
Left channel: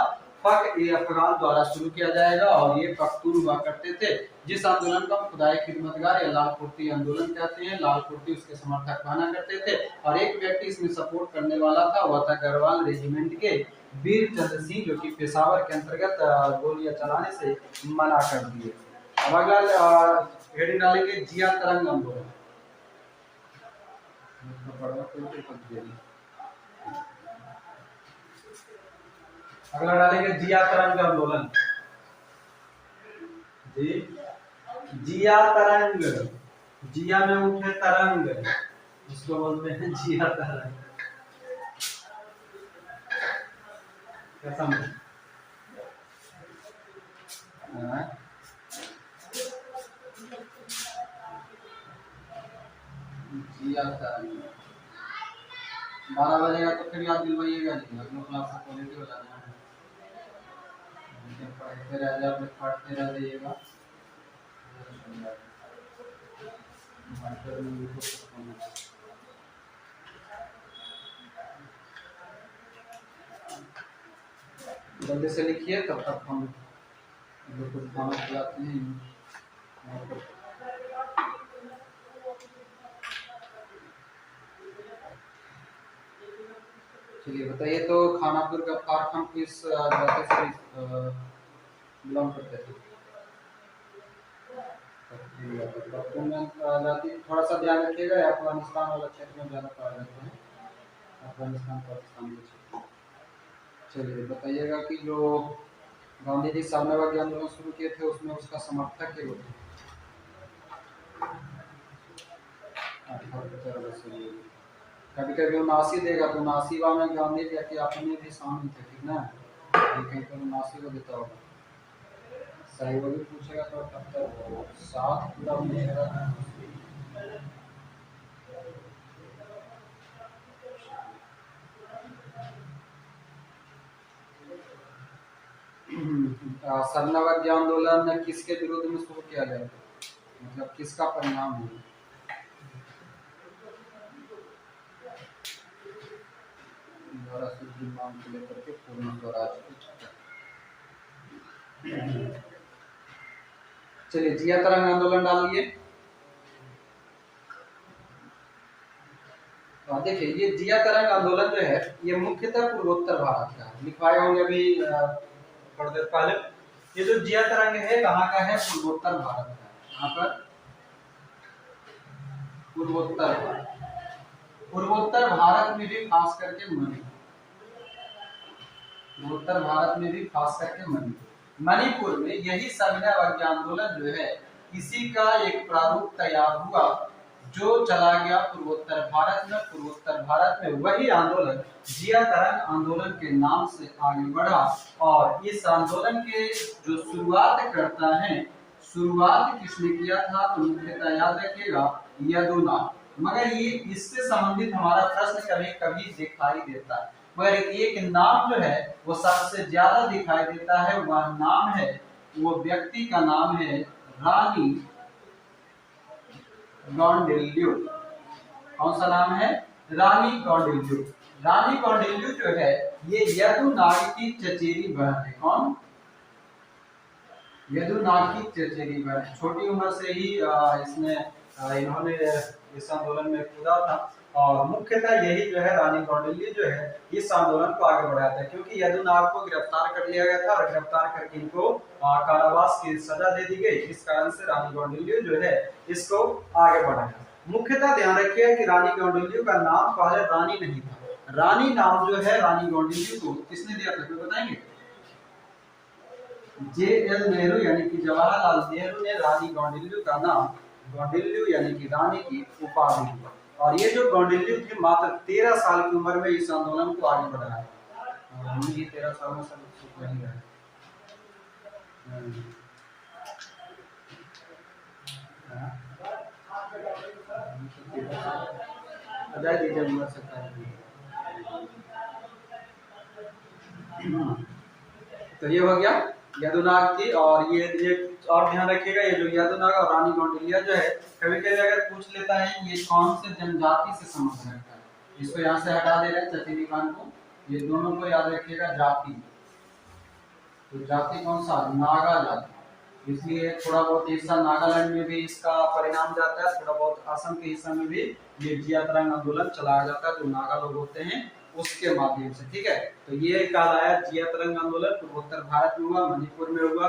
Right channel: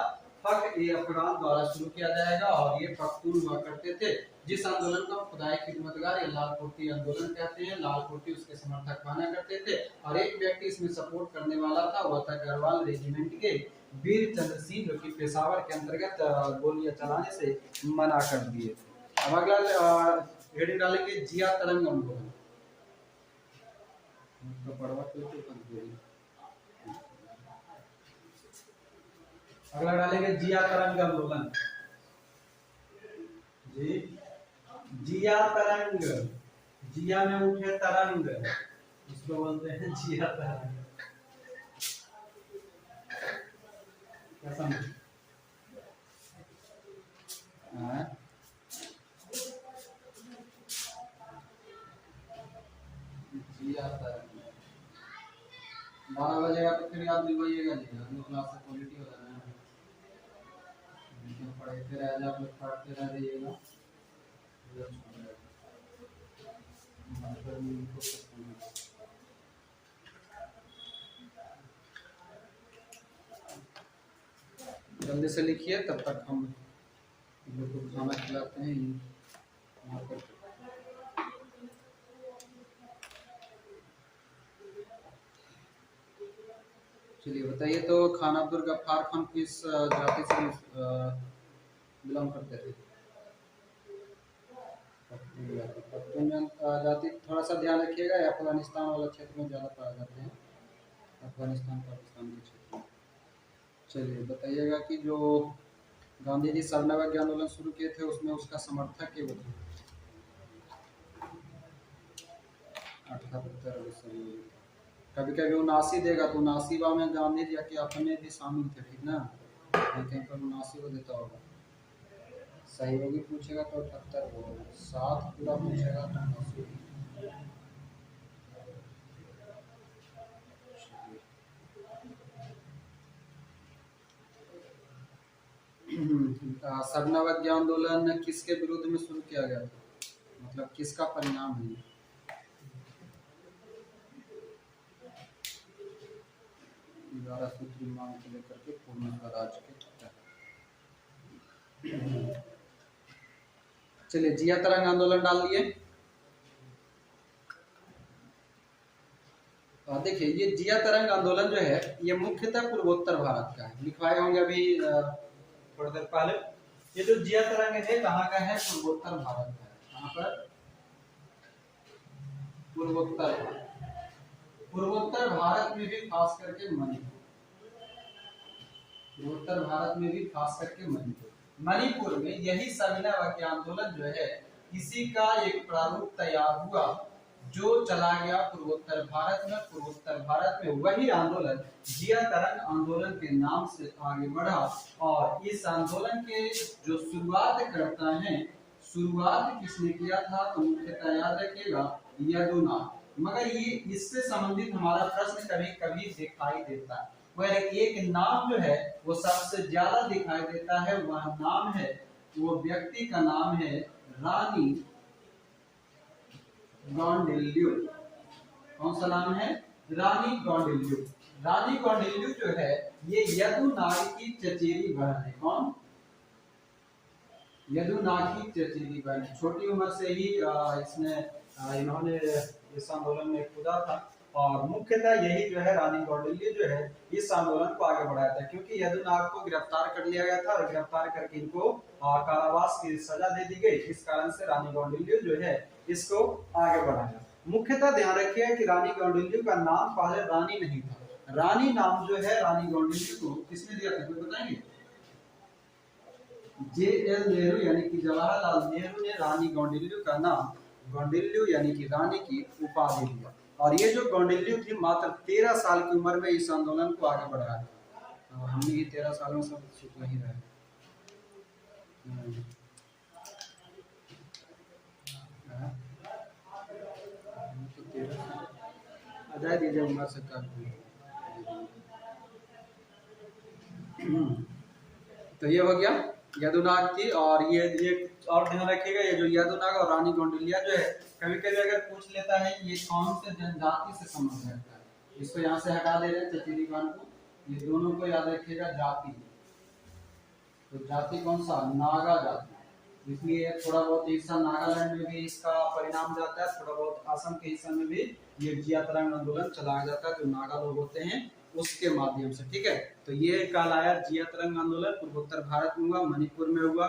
पक ए अफगान द्वारा शुरू किया जाएगा और ये पख्तून हुआ करते थे, जिस आंदोलन को हम खुदाई खिदमतगार या लाल कुर्ती आंदोलन कहते हैं। लाल कुर्ती उसके समर्थक बना करते थे और एक व्यक्ति इसमें सपोर्ट करने वाला था, वह था गढ़वाल रेजिमेंट के वीर चंद्र सिंह, जो कि पेशावर के अंतर्गत गोलियां चलाने से मना कर दिए। अब अगला हेडिंग डालेंगे जिया तरंग आंदोलन। अगला डालेंगे जिया तरंग आंदोलन। जी जिया तरंग, जिया में मुख्य तरंग, इसको बोलते हैं जिया तरंग। क्या समझे? जिया तरंग 12 बजेगा तो फिर याद दिलवाइएगा जी, अगले क्लास से क्वालिटी हो जाना है। पढ़ते रह जाए, अपने पढ़ते रह जाइएगा। जल्दी से लिखिए, तब तक हम लोग को खाना खिलाते हैं। चलिए बताइए, तो खान अब्दुल गफ्फार खान किस जाति से बिलोंग करते थे? जाति थोड़ा सा ध्यान रखिएगा, अफगानिस्तान वाला क्षेत्र में ज़्यादा पाए जाते हैं, अफगानिस्तान पाकिस्तान के क्षेत्र। चलिए बताइएगा कि जो गांधी जी सामनाबाद के आंदोलन शुरू किए थे उसमें उसका समर्थक ये होते हैं। कभी कभी 79 देगा तो 79 में गांधी जी के अपने भी शामिल थे, ठीक ना? कहीं पर 79 को देता होगा, सही होगी पूछेगा तो 78 हो, 7 पूरा पूछेगा तो सरनावज्ञ आंदोलन किसके विरोध में शुरू किया गया, मतलब किसका परिणाम है? मांग को लेकर के पूर्ण स्वराज की। चलिए जिया तरंग आंदोलन डालिए। तो देखिए ये जिया तरंग आंदोलन जो है ये मुख्यतः पूर्वोत्तर भारत का है, लिखवाए होंगे अभी थोड़ी देर पहले। ये जो जिया तरंग है कहाँ का है? पूर्वोत्तर भारत का है। यहाँ पर पूर्वोत्तर भारत में भी खास करके पूर्वोत्तर भारत में भी खास करके मणिपुर में यही सविनय अवज्ञा आंदोलन जो है इसी का एक प्रारूप तैयार हुआ जो चला गया पूर्वोत्तर भारत में। पूर्वोत्तर भारत में वही आंदोलन जिया तरंग आंदोलन के नाम से आगे बढ़ा और इस आंदोलन के जो शुरुआत करता है, शुरुआत किसने किया था? तो मुख्यतः याद रखिएगा यदुनाथ। मगर ये इससे संबंधित हमारा प्रश्न कभी कभी दिखाई देता है, मगर एक नाम जो है वो सबसे ज्यादा दिखाई देता है, वह नाम है, वो व्यक्ति का नाम है रानी कौंडिल्य। कौन सा नाम है? रानी कौंडिल्य। रानी कौंडिल्य जो है ये यदुनाग की चचेरी बहन है। कौन? यदुनाग की चचेरी बहन। छोटी उम्र से ही इन्होंने इस आंदोलन में कूदा था और मुख्यतः यही जो है रानी कौंडिल्य जो है इस आंदोलन को आगे बढ़ाया था, क्योंकि यदुनाग को गिरफ्तार कर लिया गया था और गिरफ्तार करके इनको कारावास की सजा दे दी गई। इस कारण से रानी कौंडिल्य जो है इसको आगे बढ़ाया। मुख्यतः ध्यान रखिए कि रानी कौंडिल्य का नाम पहले रानी नहीं था। रानी नाम जो है रानी कौंडिल्य को किसने दिया था बताएंगे? JL नेहरू यानी कि जवाहरलाल नेहरू ने रानी कौंडिल्य का नाम कौंडिल्य यानी कि रानी की उपाधि दी। और ये जो कौंडिल्य थी मात्र 13 साल की उम्र में इस आंदोलन को आगे बढ़ाया और हम भी 13 साल में सब सुख नहीं रहे। अजय दीजिए उम्र से तो ये हो गया यदुनाग की। और ये और ध्यान रखिएगा ये जो यदुनाग और रानी कौंडिल्य जो है कभी कभी अगर पूछ लेता है ये कौन से जनजाति से संबंध रखता है, इसको यहाँ से हटा दे रहे हैं चचेरी बहन को, ये दोनों को याद रखिएगा जाति। तो जाति कौन सा, नागा जाति, इसलिए थोड़ा बहुत हिस्सा नागालैंड में भी इसका परिणाम जाता है, थोड़ा बहुत असम के हिस्सा में भी ये जिया तरंग आंदोलन चलाया जाता है, जो नागा लोग होते हैं उसके माध्यम से। ठीक है, तो ये कहलाया जिया तरंग आंदोलन। पूर्वोत्तर भारत में हुआ, मणिपुर में हुआ,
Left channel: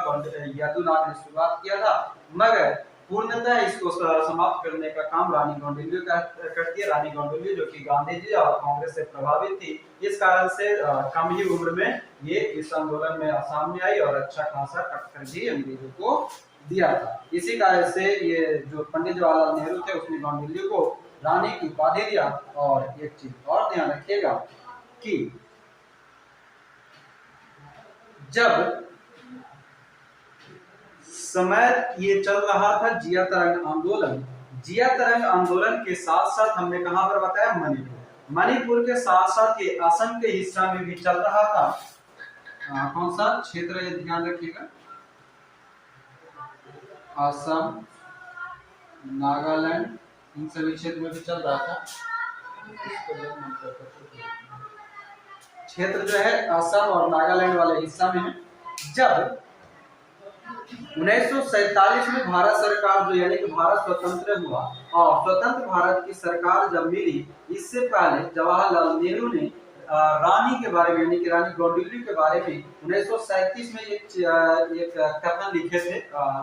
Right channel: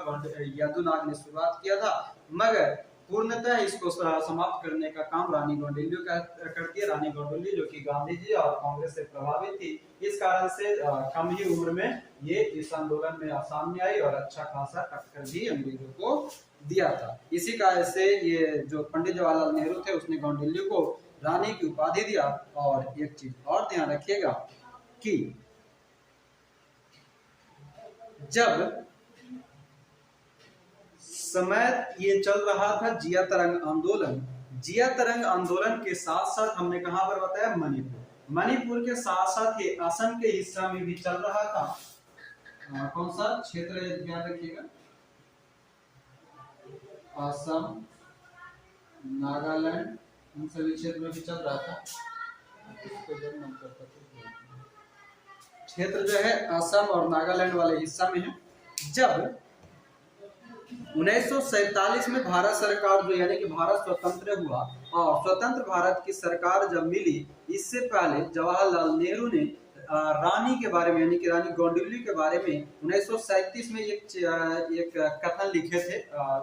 यदुनाथ ने शुरुआत किया था, मगर पूर्णतः इसको समाप्त करने का काम रानी गौंडुल्यू करती है। रानी गौंडुल्यू जो कि गांधी जी और कांग्रेस से प्रभावित थी, इस कारण से कम ही उम्र में ये इस आंदोलन में सामने आई और अच्छा खासा टक्कर भी अंग्रेजों को दिया था। इसी कारण से ये जो पंडित जवाहरलाल नेहरू थे उसने गौंडुल्यू को रानी की उपाधि दिया। और एक चीज और ध्यान रखिएगा कि जब समय ये चल रहा था जिया तरंग आंदोलन, जिया तरंग आंदोलन के साथ साथ हमने कहां पर बताया, मणिपुर, मणिपुर के साथ साथ ये असम के हिस्सा में भी चल रहा था। कौन सा क्षेत्र है ध्यान रखिएगा, असम, नागालैंड, इन सभी क्षेत्र में भी चल रहा था। क्षेत्र जो है असम और नागालैंड वाले हिस्सा में है। जब 1947 में भारत सरकार जो यानी कि भारत स्वतंत्र हुआ और स्वतंत्र भारत की सरकार जब मिली, इससे पहले जवाहरलाल नेहरू ने रानी के बारे में यानी कि रानी गौंडुल्यू के बारे में 1937 में एक कथन लिखे थे,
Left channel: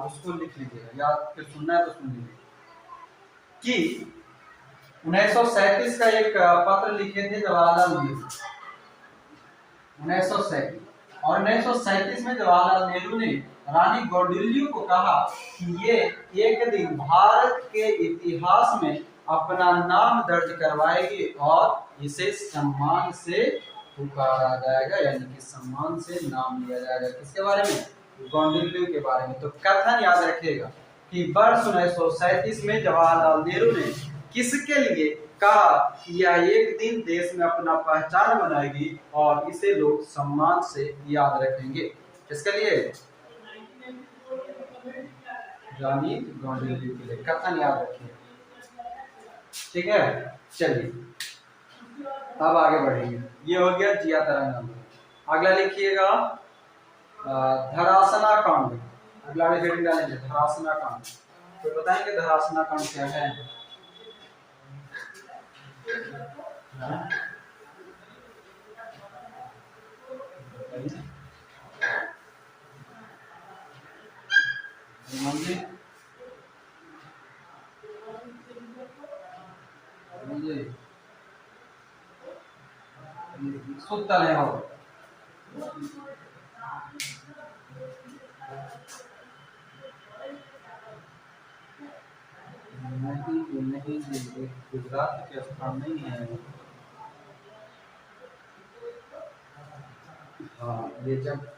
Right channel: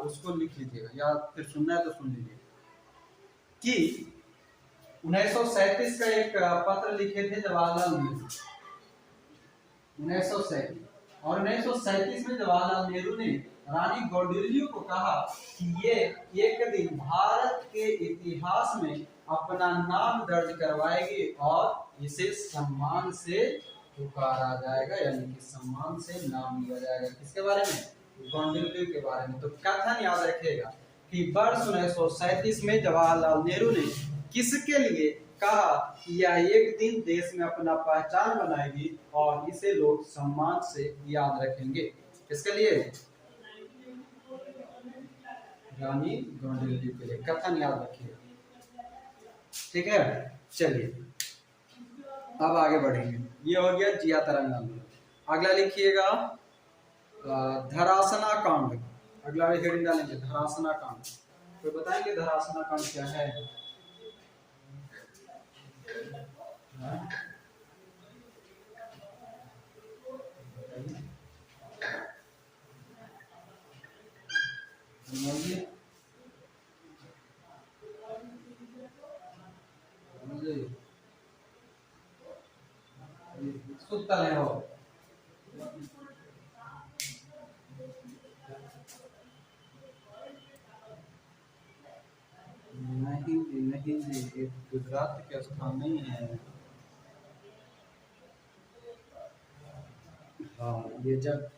उसको लिख लीजिएगा या फिर सुनना है तो सुन लीजिए कि 1937 का एक पत्र लिखे थे जवाहरलाल नेहरू, 1937, और 1937 में जवाहरलाल नेहरू ने रानी गौंडुल्यू को कहा कि ये एक दिन भारत के इतिहास में अपना नाम दर्ज करवाएगी और इसे सम्मान से पुकारा जाएगा, यानी कि सम्मान से नाम लिया जाएगा। किसके बारे में, गौंडुल्यू के बारे में। तो कथन याद रखिएगा कि वर्ष 1937 में जवाहरलाल नेहरू ने किसके लिए कहा कि यह एक दिन देश में अपना पहचान बनाएगी और इसे लोग सम्मान से याद रखेंगे। किसके लिए, रानी गौंडुल्यू के लिए। कथन याद रखिए, ठीक है। चलिए अब आगे बढ़ेंगे। ये हो गया जिया तरंग आंदोलन। अगला लिखिएगा धरासना कांड। अगला हेडिंग डालेंगे धरासना कांड। तो बताएंगे धरासना कांड क्या है? सुतल है हो नहीं, गुजरात के स्थान नहीं है। हाँ, ये जब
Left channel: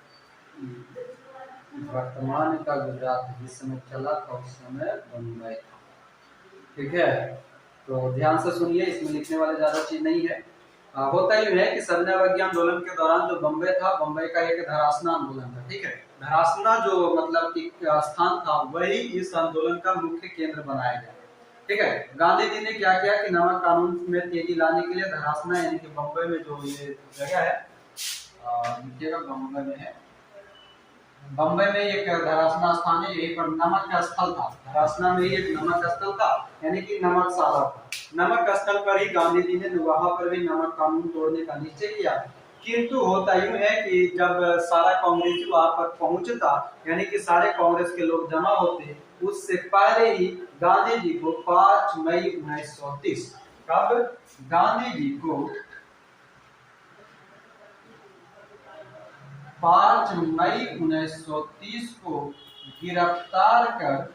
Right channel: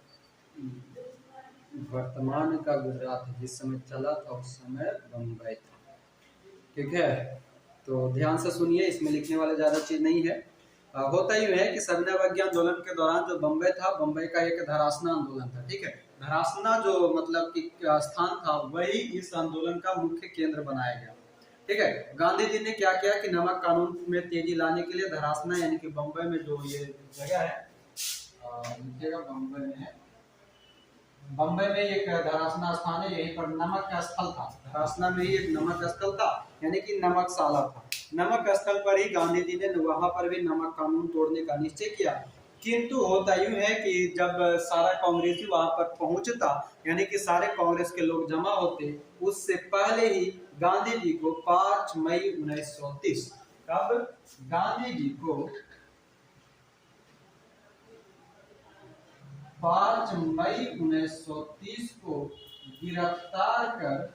वर्तमान का गुजरात जिस समय चला था उस समय बम्बई था। ठीक है, तो ध्यान से सुनिए, इसमें लिखने वाला ज्यादा चीज नहीं है। होता ही है कि सविनय अवज्ञा आंदोलन के दौरान जो बम्बई था, बम्बई का एक धरासना आंदोलन था। ठीक है, धरासना जो मतलब एक स्थान था वही इस आंदोलन का मुख्य केंद्र बनाया गया। ठीक है, गांधी जी ने क्या किया कि नमक कानून में तेजी लाने के लिए धरासना यानी कि बम्बई में जो ये जगह है, देखिएगा बम्बई में है, बम्बई में एक धरासना स्थान है, यही पर नमक का स्थल था। धरासना में ही एक नमक स्थल था यानी कि नमकशाला था। नमक स्थल पर ही गांधी जी ने वहां पर भी नमक कानून तोड़ने का निश्चय किया। किंतु होता यूं है कि जब सारा कांग्रेसी वहां पर पहुंचता यानी कि सारे कांग्रेस के लोग जमा होते, उससे पहले ही गांधी जी को 5 मई 1930 कब गांधी जी को 5 मई 1930 को गिरफ्तार कर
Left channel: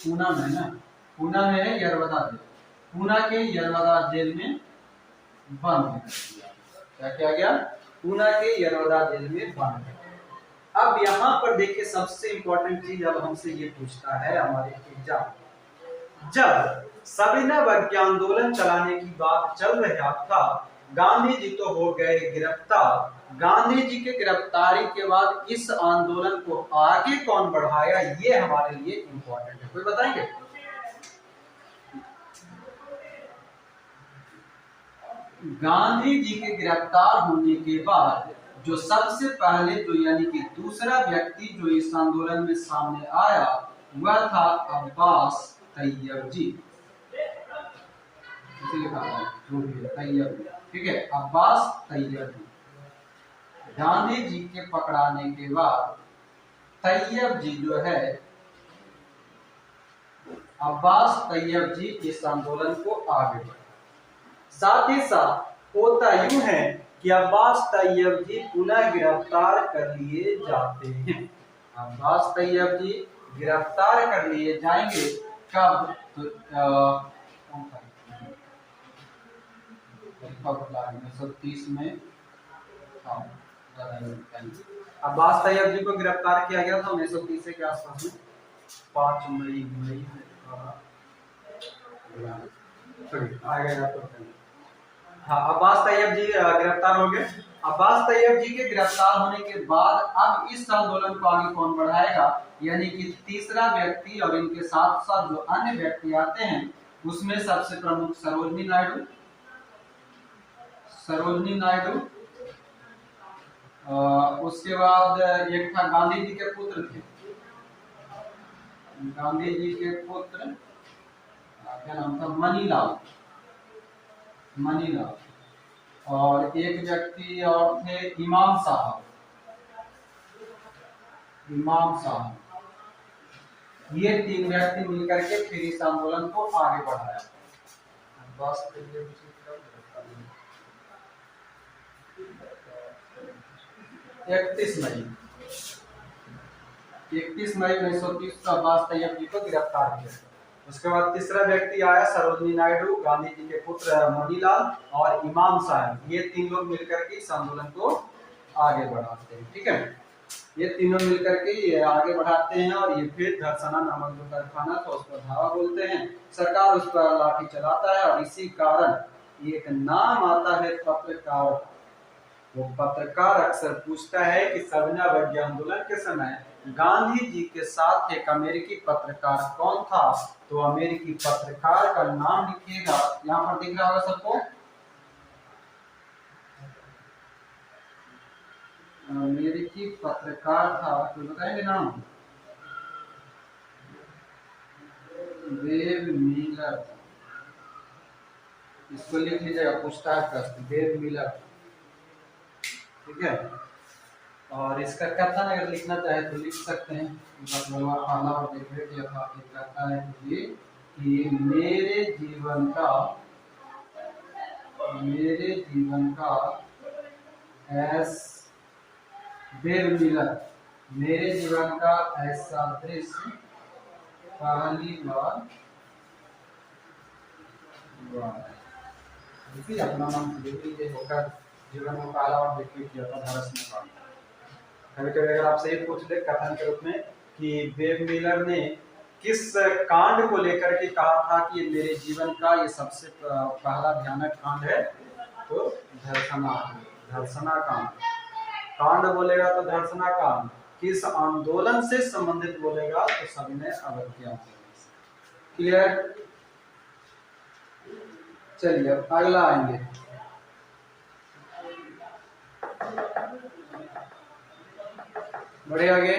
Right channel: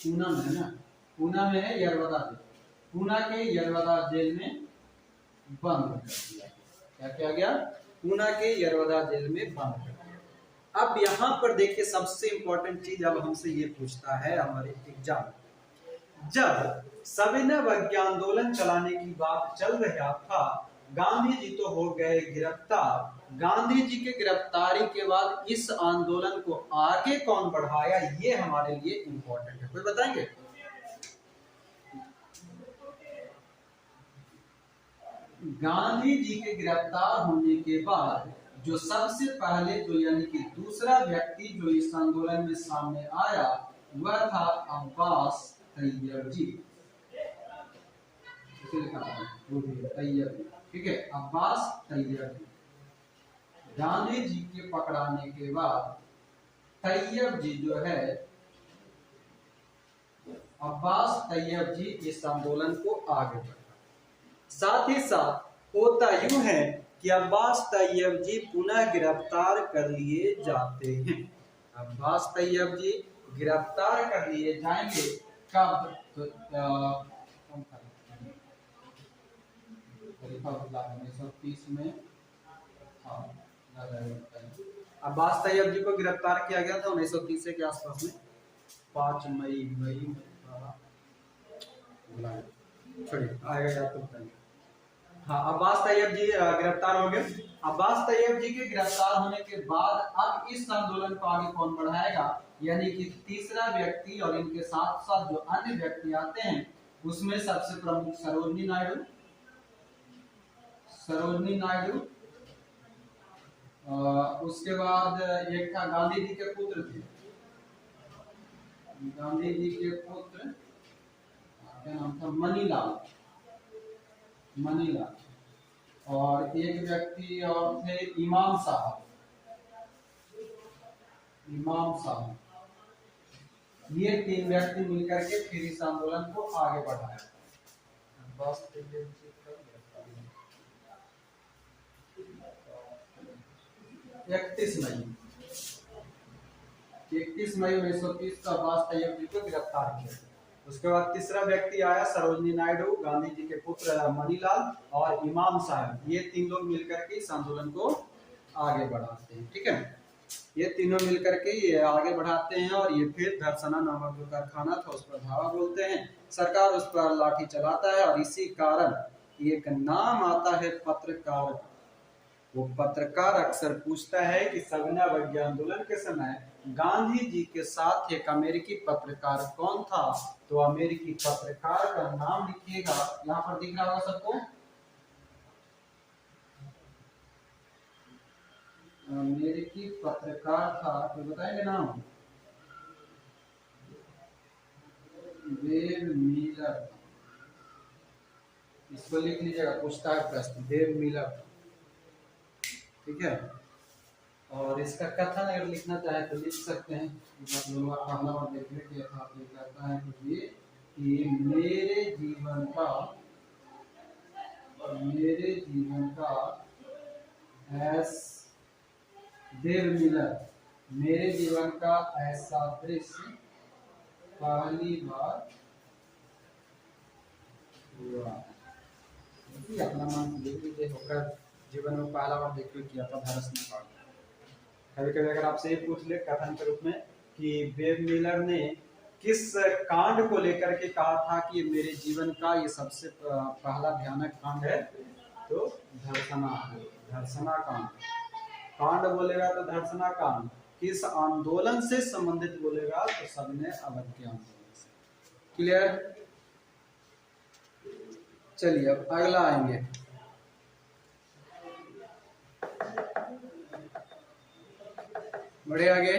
पूना में ना, पूना में है यरवदा जेल, पूना के यरवदा जेल में बंद कर दिया। क्या किया गया? पूना के यरवदा जेल में बंद कर दिया। अब यहाँ पर देखिए सबसे इंपॉर्टेंट चीज अब हमसे ये पूछता है हमारे एग्जाम, जब सविनय अवज्ञा आंदोलन चलाने की बात चल रहा था, गांधी जी तो हो गए गिरफ्तार। गांधी जी के गिरफ्तारी के बाद इस आंदोलन को आगे कौन बढ़ाया, ये हमारे लिए इंपॉर्टेंट है। कोई बताएंगे? गांधी जी के गिरफ्तार होने के बाद जो सबसे पहले जो यानी कि दूसरा व्यक्ति जो इस आंदोलन में सामने आया वह था अब्बास तैयब जी। इसे लिखा है जो भी है तैयब, ठीक है, अब्बास तैयब जी। गांधी जी के पकड़ाने के बाद तैयब जी जो है, अब्बास तैयब जी इस आंदोलन को आगे बढ़ाया। साथ ही साथ होता यूं है कि अब्बास तैयब जी पुनः गिरफ्तार कर लिए जाते हैं। अब्बास तैयब जी गिरफ्तार कर लिए जाएंगे कब? तो 1930 में। हाँ, अब्बास तैयब जी को गिरफ्तार किया गया था 1930 के आसपास में, 5 मई में। हाँ, अब्बास तैयब जी गिरफ्तार हो गए। अब्बास तैयब जी के गिरफ्तार होने के बाद अब इस आंदोलन को आगे कौन बढ़ाएगा, यानी कि तीसरा व्यक्ति और इनके साथ साथ जो अन्य व्यक्ति आते हैं उसमें सबसे प्रमुख सरोजनी नायडू। उसके बाद एक था गांधी जी के पुत्र थे, गांधी जी के पुत्र क्या नाम था, मनीलाल। और एक व्यक्ति और थे इमाम साहब। ये 3 व्यक्ति मिलकर के फिर इस आंदोलन को आगे बढ़ाया। 31 मई 1930 को अब्बास तैयब जी को गिरफ्तार किया। उसके बाद तीसरा व्यक्ति आया सरोजनी नायडू, गांधी जी के पुत्र मनीलाल और इमाम साहब। ये 3 लोग मिलकर के इस आंदोलन को आगे बढ़ाते हैं, ठीक है। ये तीनों मिलकर के ये आगे बढ़ाते हैं और ये फिर धरसना नामक जो कारखाना था उस पर धावा बोलते हैं। सरकार उस पर लाठी चलाता है और इसी कारण एक नाम आता है पत्रकार। वो पत्रकार अक्सर पूछता है कि सविनय आंदोलन के समय गांधी जी के साथ एक अमेरिकी पत्रकार कौन था, तो अमेरिकी पत्रकार का नाम लिखिएगा। यहाँ पर दिख रहा होगा सबको, अमेरिकी पत्रकार था, तो बताएंगे नाम? Web Miller. इसको लिख लीजिएगा, पूछता है प्रश्न, वेब मिलर, ठीक है। और इसका कथन अगर लिखना चाहे तो लिख सकते हैं। पहला बार देखिए किया था, कहता है ये कि मेरे जीवन का मेरे जीवन का ऐसा दृश्य पहली बार हुआ है। देखिए अपना नाम होकर जीवन में पहला बार देखिए किया था धरसना। कभी कभी अगर आपसे ये पूछ ले कथन के रूप में कि वेब मिलर ने किस कांड को लेकर के कहा था कि मेरे जीवन का ये सबसे पहला भयानक कांड है, तो धर्सना कांड बोलेगा तो धर्सना कांड। किस आंदोलन से संबंधित बोलेगा तो सविनय अवज्ञा। क्लियर? चलिए अब अगला आएंगे। बढ़े आगे।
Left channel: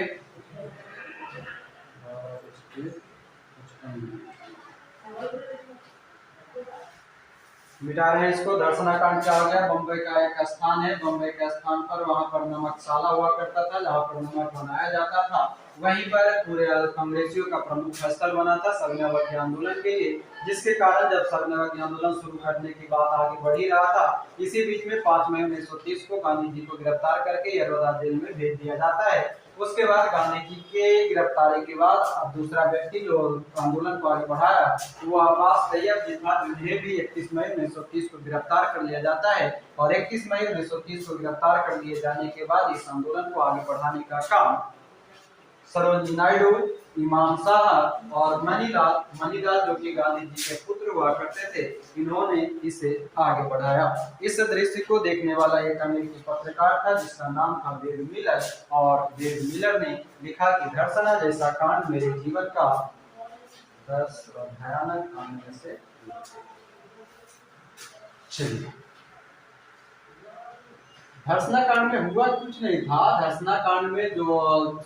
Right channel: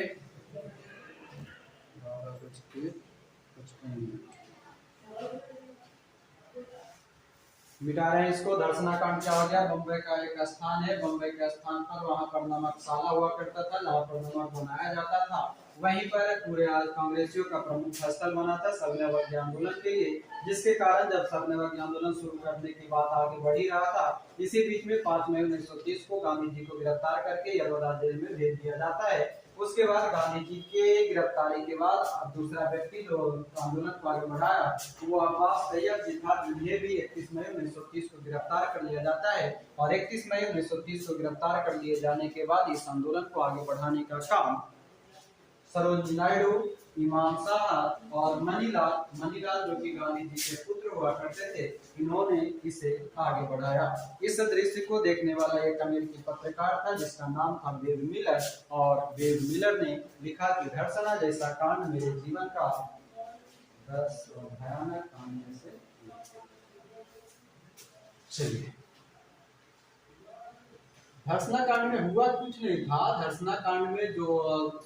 मिटा रहे हैं इसको। धर्सना कांड क्या हो गया? बम्बई का एक स्थान है, बम्बई के स्थान पर वहां पर नमकशाला हुआ करता था जहां पर नमक बनाया जाता था। वहीं पर पूरे कांग्रेसियों का प्रमुख स्थल बना था सविनय आंदोलन के लिए, जिसके कारण जब सविनय आंदोलन शुरू करने की बात आगे बढ़ ही रहा था, इसी बीच में 5 मई 1930 को गांधी जी को गिरफ्तार करके यरवदा जेल में भेज दिया जाता है। उसके बाद गांधी जी के गिरफ्तारी के बाद अब दूसरा व्यक्ति जो आंदोलन को आगे बढ़ाया वो अब्बास तैयब जी था, जिन्हें भी 31 मई 1930 को गिरफ्तार कर लिया जाता है। और 31 मई 1930 को गिरफ्तार कर लिए जाने के बाद इस आंदोलन को आगे बढ़ाने का काम सरोजिनी नायडू, इमाम साहब और मनीलाल जो कि गांधी जी के पुत्र हुआ करते थे, इन्होंने इसे आगे बढ़ाया। इस दृश्य को देखने वाला एक अमेरिकी पत्रकार था जिसका नाम था वेब मिलर, और वेब मिलर ने लिखा कि धर्सना जैसा कांड मेरे जीवन का 10 भयानक कांड में से। चलिए धर्सना कांड में हुआ कुछ नहीं था। धर्सना कांड में जो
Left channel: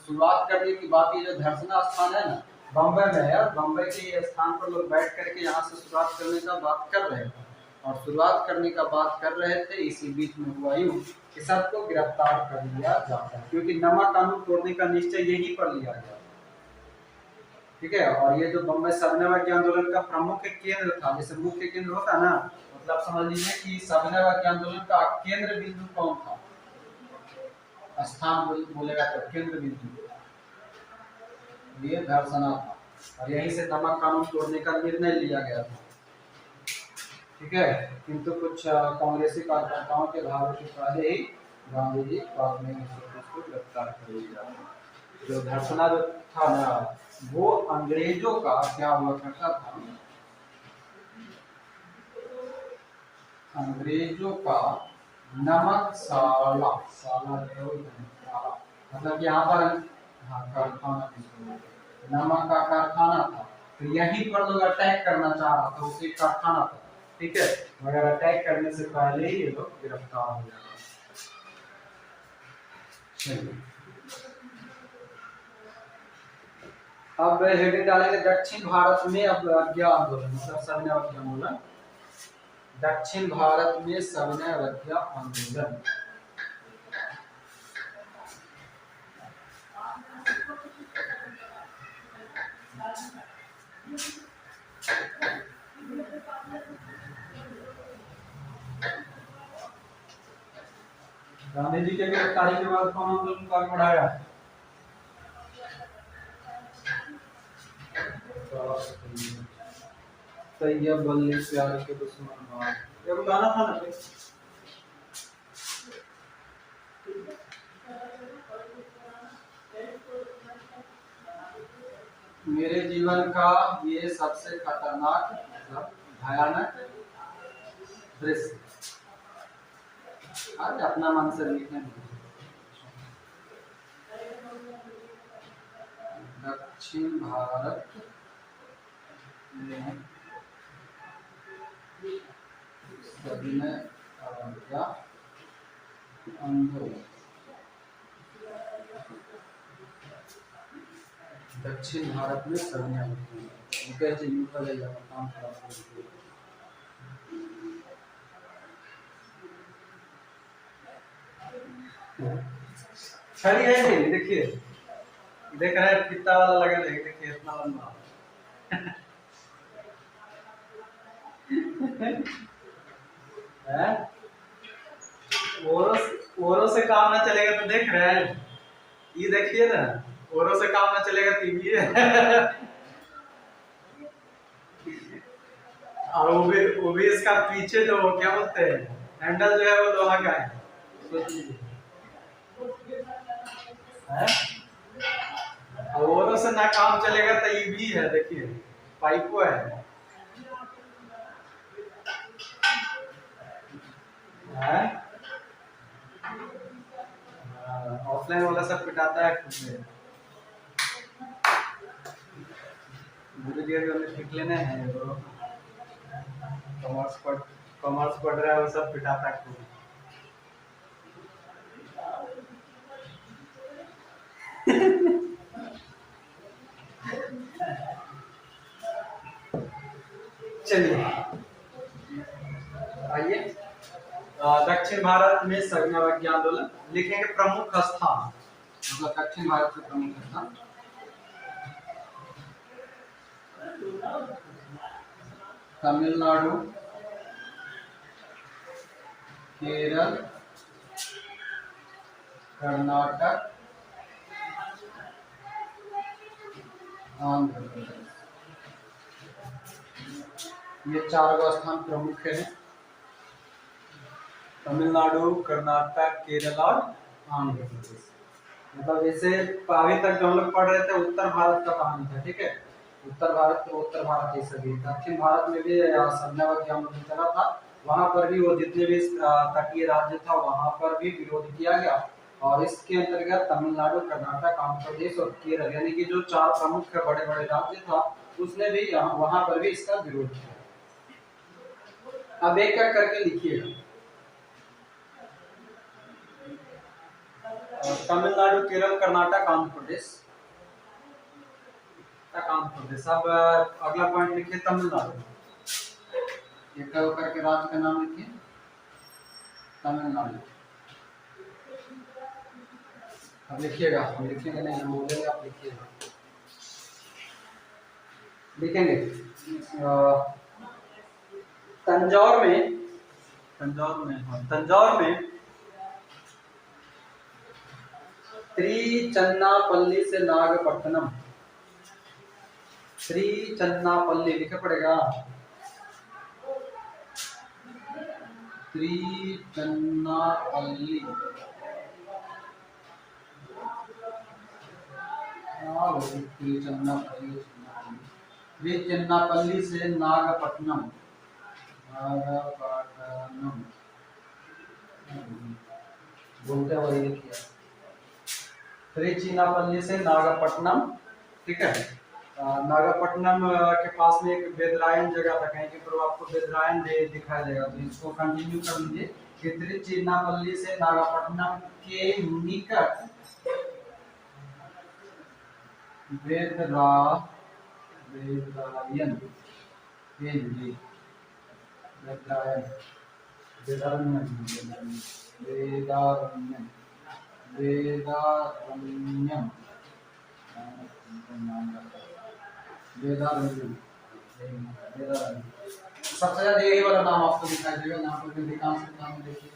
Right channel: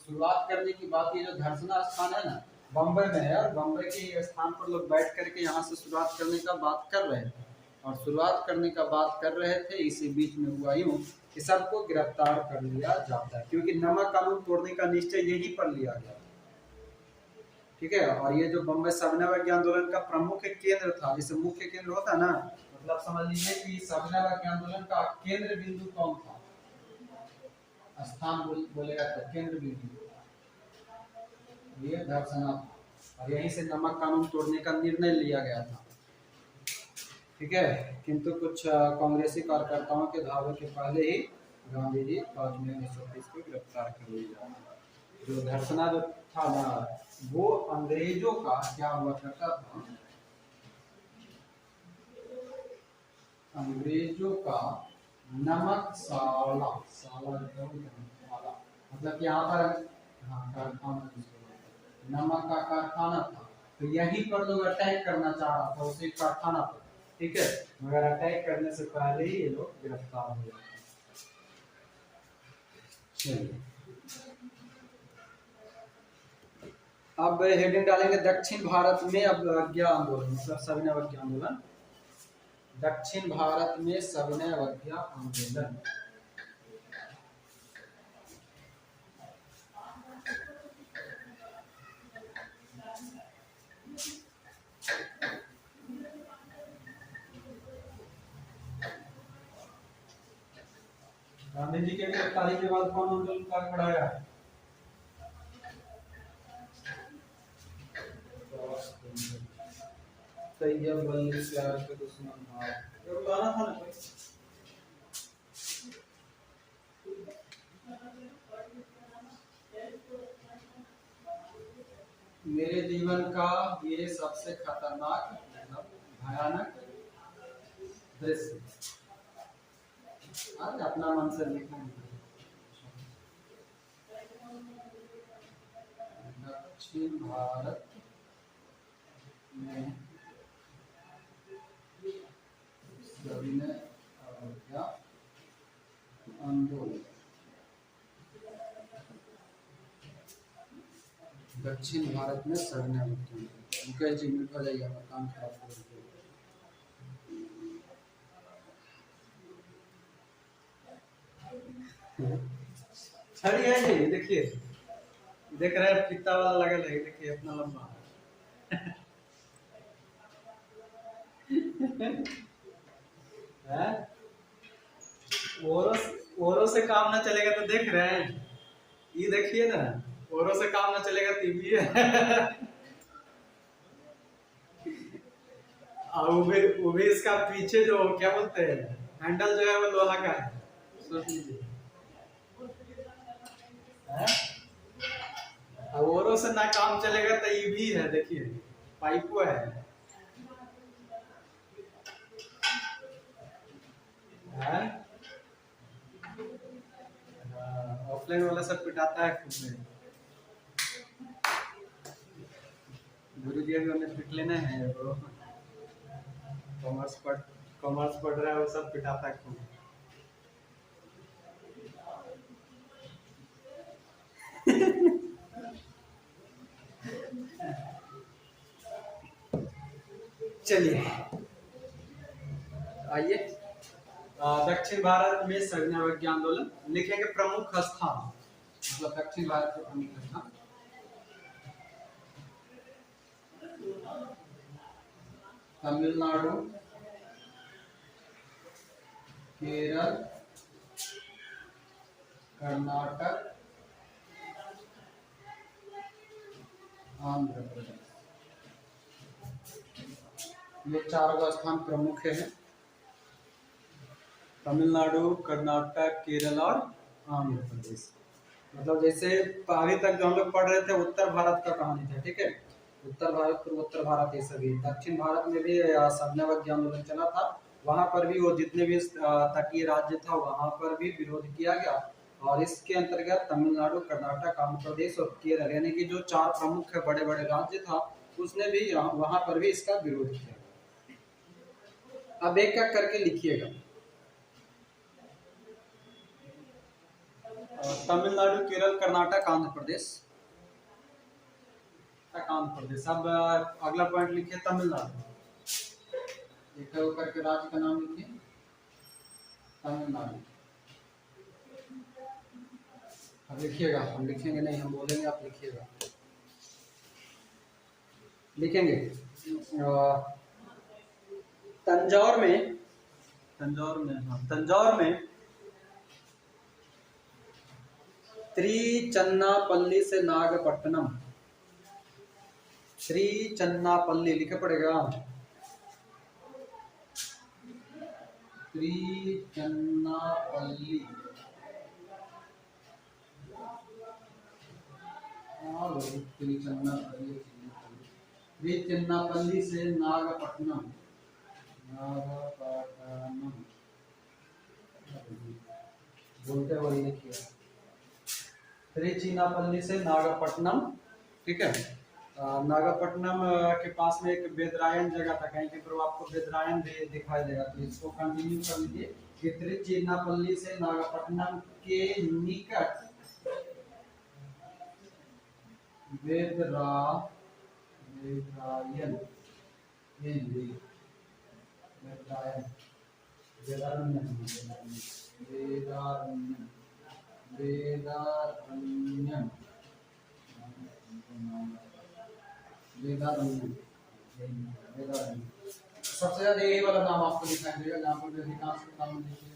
शुरुआत करने की बात, ये जो धर्सना स्थान है ना, बम्बई में है, और बम्बई के ये स्थान पर लोग बैठ करके यहाँ से शुरुआत करने का बात कर रहे थे, और शुरुआत करने का बात कर रहे थे, इसी बीच में हुआ यूं कि सबको गिरफ्तार कर लिया जाता है, क्योंकि नमक कानून तोड़ने का निश्चय यही पर लिया गया। ठीक है, और ये जो बम्बई सविनय आंदोलन का प्रमुख केंद्र था, जैसे मुख्य केंद्र होता ना, मतलब समझ लीजिए कि सविनय आंदोलन का केंद्र बिंदु कौन था, स्थान बोलेगा तो केंद्र बिंदु, ये धर्सना था, और यहीं से नमक कानून तोड़ने का निर्णय लिया गया था। ठीक है, किंतु कुछ कांग्रेसी कार्यकर्ताओं के धावे के पहले ही गांधी जी बाद में 1920 को गिरफ्तार कर लिया। जो धर्सना जो था ना, वो अंग्रेजों का क्या हुआ करता था, अंग्रेजों का नमक साला, साला मतलब यहाँ पर हाँ कारखाना, नमक का कारखाना था, तो यहीं पर लोग अटैक करना चाह रहा था, उसी कारखाना था। ठीक है, मगर अटैक करने से पहले ही ये लोग गिरफ्तार हो गए। चलिए अब हेडिंग डालेंगे दक्षिण भारत में अब अवज्ञा आंदोलन, मतलब सविनय अवज्ञा आंदोलन। दक्षिण भारत में सविनय अवज्ञा आंदोलन। गांधी जी के गिरफ्तारी के बाद कौन आंदोलन को आगे बढ़ाया? तैयब बल्ले प्यारे के दुश्मन भाग, ये गाना था ना। मेरे जीवन का ये सबसे खतरनाक मतलब भयानक दृश्य, आज अपना मन से लिखने। दक्षिण भारत में सविनय अवज्ञा आंदोलन। दक्षिण भारत में सविनय अवज्ञा, मुकेश जी निकल जाइए, काम खराब हो गया। छड़ी है नहीं, देखिए देख रहे हैं फीता वाला लगा है, देखिए इतना लंबा है। ओरो से काम ना चलेगा तो देख रहे हैं, ये देखिए ना, ओरो से काम ना चलेगा तो ये और वो भी इसका पीछे जो क्या बोलते हैं हैंडल जो है वो लोहा का है, सोच लीजिए। ओरो से ना काम चलेगा तो ये भी है, देखिए पाइपो है। ऑफलाइन वाला सब पिटाता है खुद से, मुझे पिट लेना है ब्रो। कॉमर्स पढ़ रहा है वो सब पिटाता है खुद। चलिए आइए, दक्षिण भारत में सविनय अवज्ञा आंदोलन लिखेंगे। प्रमुख स्थान मतलब दक्षिण भारत के प्रमुख स्थान, तमिलनाडु, केरल, कर्नाटक, आंध्र प्रदेश, ये चार स्थान प्रमुख हैं। तमिलनाडु, कर्नाटक, केरल और आंध्र प्रदेश। मतलब जैसे अभी तक जो हम लोग पढ़ रहे थे उत्तर भारत का कहानी था, ठीक है, उत्तर भारत तो उत्तर भारत ये सभी। दक्षिण भारत में भी सविनय अवज्ञा आंदोलन चला था, वहां पर भी वो जितने भी तटीय राज्य था वहां पर भी विरोध किया गया, और इसके अंतर्गत तमिलनाडु, कर्नाटक, आंध्र प्रदेश और केरल यानी कि जो चार प्रमुख बड़े बड़े राज्य था उसने भी वहां पर भी इसका विरोध किया। अब एक एक करके लिखिएगा। तमिलनाडु, केरल, कर्नाटक, आंध्र प्रदेश। आंध्र प्रदेश। अब अगला पॉइंट लिखिए तमिलनाडु। एक करके राज्य का नाम लिखिए तमिलनाडु। अब लिखिएगा, हम लिखेंगे नहीं, हम बोलेंगे आप लिखिएगा। लिखेंगे तंजौर में, तंजौर में त्रिचन्नापल्ली से नागपट्टनम। त्रिचन्नापल्ली लिखे पड़ेगा, त्रिचन्नापल्ली। त्रिचन्नापल्ली से नागपट्टनम, बोलते वही लिखिए। त्रिचन्नापल्ली से नागपट्टनम, ठीक है। नागपट्टनम के पास में एक बेदरायन जगह था, कहीं पर आपको बेदरायन दिखाई देगा, तो इसको कंटिन्यू कर लीजिए कि त्रिचन्नापल्ली से नागपट्टनम के निकट बेदरायन सबसे ज्यादा यही वाला नाम आपको दिखाई देगा, यहाँ पर अधिकांश नाम देखिए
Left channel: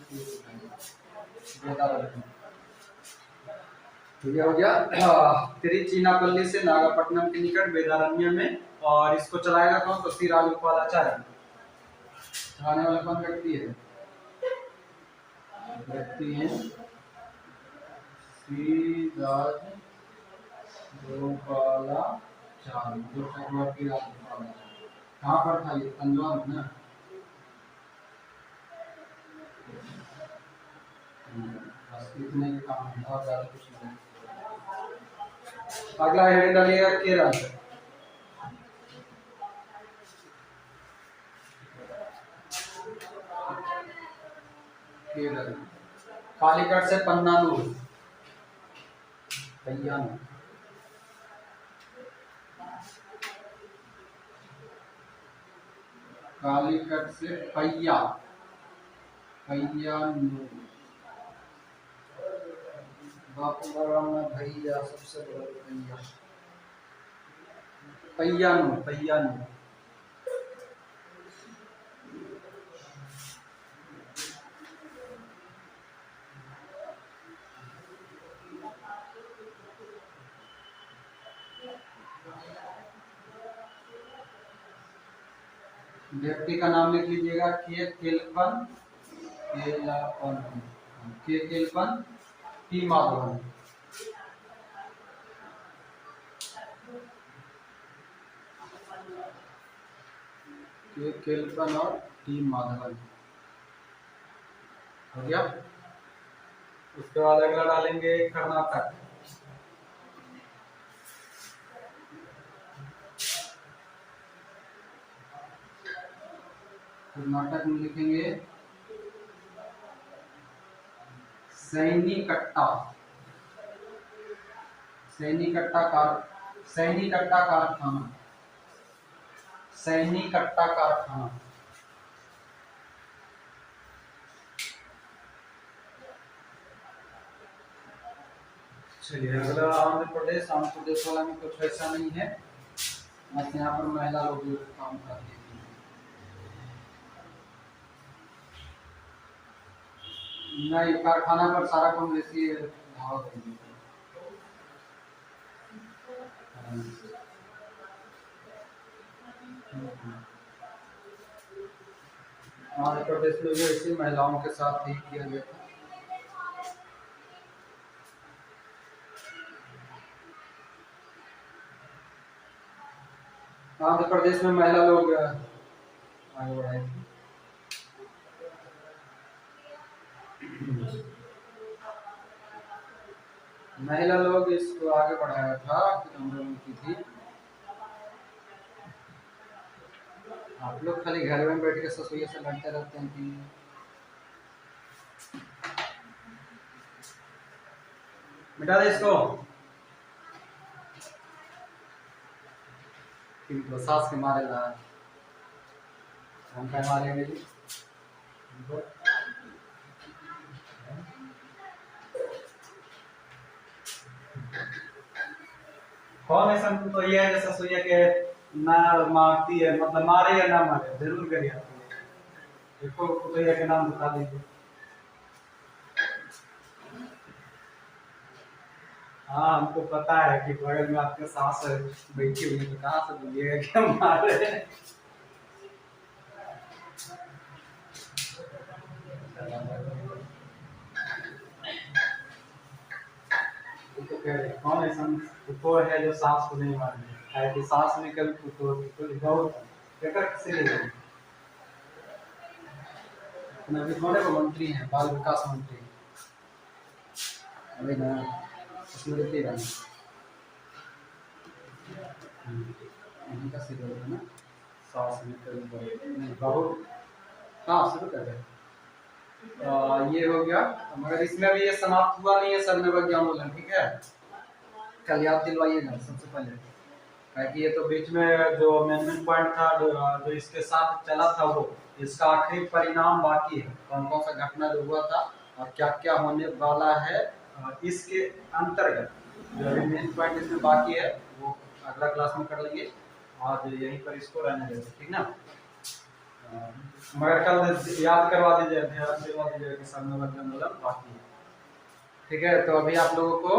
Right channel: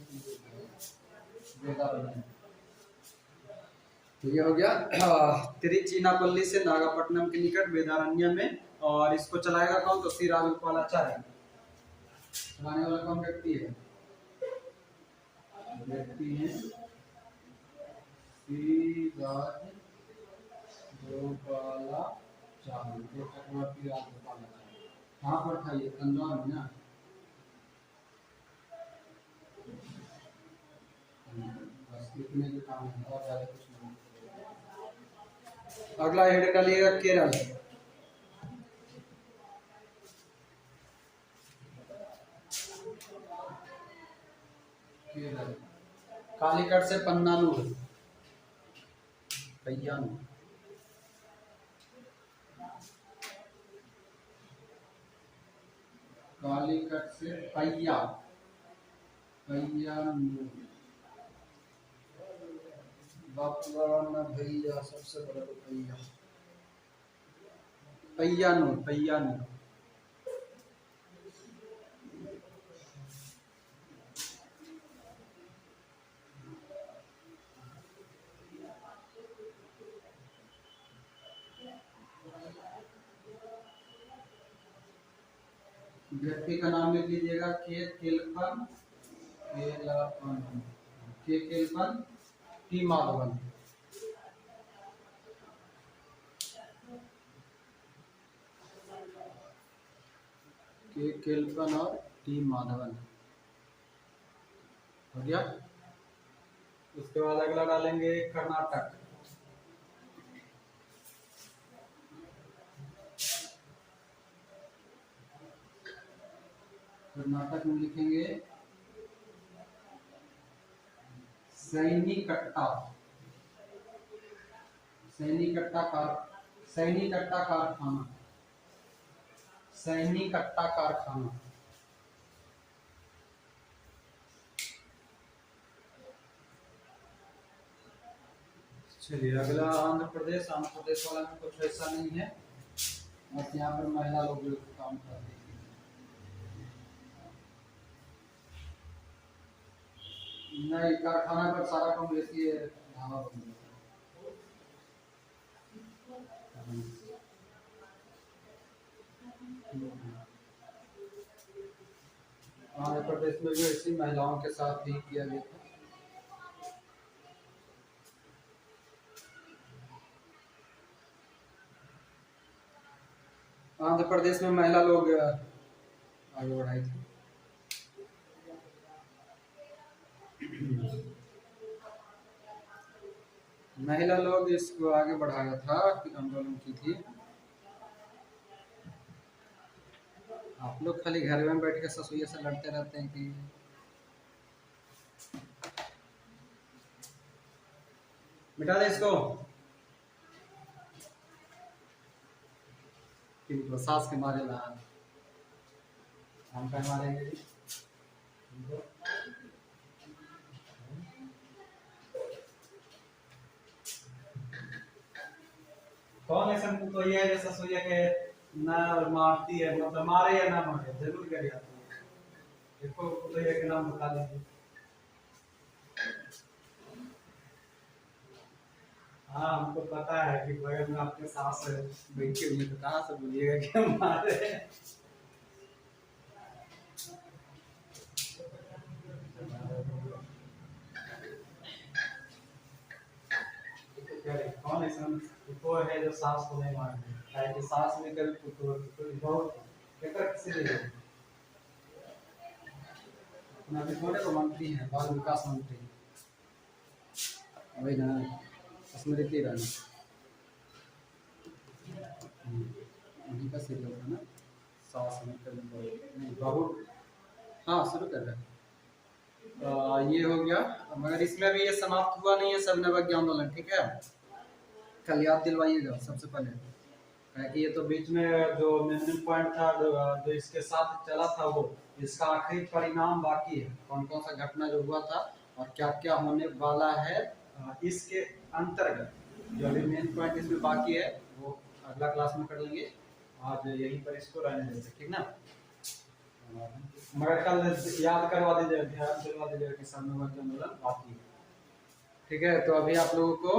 वेदारण्यम। ठीक है, हो गया। तिरुचिनापल्ली से नागपट्टनम के निकट वेदारण्यम में, और इसको चलाएगा कौन? तो श्री राजगोपालाचार्य। चलाने वाला कौन व्यक्ति है? व्यक्ति है श्री राजगोपालाचार्य, जो चक्रवर्ती राजगोपालाचार्य। कहाँ पर था ये? तंजौर में ना। बस इतने के काम है, और ज्यादा कुछ नहीं। अगला हेडिंग डालिएगा केरल। केरल कालीकट से पन्नानूर, पय्यानूर। कालीकट से पय्यानूर। बापू का में भैया सबसे बड़ा भैया। पय्यानूर। व्यक्ति का नाम लिख लीजिएगा के केलपन, टी माधवन। के केलपन और टी माधवन, हो गया। उसके बाद अगला डालेंगे कर्नाटक। कर्नाटक में लिखेंगे सैनीकट्टा कारखाना। चलिए अगला आंध्र प्रदेश। आंध्र प्रदेश वाला में कुछ ऐसा नहीं है, बस यहाँ पर महिला लोग काम करते हैं। नहीं, कारखाना पर सारा कांग्रेसी धावा कर दिया। आंध्र प्रदेश में भी ऐसी महिलाओं के साथ ही किया गया था। आंध्र प्रदेश में महिला लोग आगे बढ़ाए थे। महिला लोग इसको आगे बढ़ाया था कि आंदोलन की थी। आप लोग खाली घर में बैठ के ससुइया से लड़ते रहते हैं कि मिटा दे इसको। इनको सांस के मारे ला हम क्या मारेंगे जी इनको। कौन ऐसा तो ये है जैसा सुइया के ना मारती है, मतलब मारे या ना मारे जरूर करिए। देखो तो ये के नाम बता दीजिए। हाँ हमको पता है कि बगल में आपके सास बैठी हुई है, तो कहाँ से बोलिएगा कि हमारे। तो कह रहे कौन ऐसा कुत्तो है जो सास को नहीं मारे है कि सास में कभी कुत्तो कुत्तो लिखा होता क्या कर किसे ले गए। अभी कौन है वो मंत्री हैं, बाल विकास मंत्री अभी ना स्मृति ईरानी उन्हीं का सीरियल है ना। सास में कभी नहीं बहुत। हाँ शुरू कर रहे ये हो गया, मगर इसमें अभी ये समाप्त हुआ नहीं है सर्वनिर्भर ज्ञानोलन, ठीक है। कल याद दिलवाइएगा सबसे पहले, कि ये तो बीच में जो अमेंडमेंट पॉइंट था जो इसके साथ चला था वो इसका आखिरी परिणाम बाकी है, कौन कौन सा घटना जो हुआ था और क्या क्या होने वाला है इसके अंतर्गत। जो अभी मेन पॉइंट इसमें बाकी है वो अगला क्लास में कर लेंगे, आज यहीं पर इसको रहने देते, ठीक ना। मगर कल याद करवा दीजिए, ध्यान दिलवा दीजिएगा कि सर्वनिर्भर ज्ञानोलन बाकी है, ठीक है। तो अभी आप लोगों को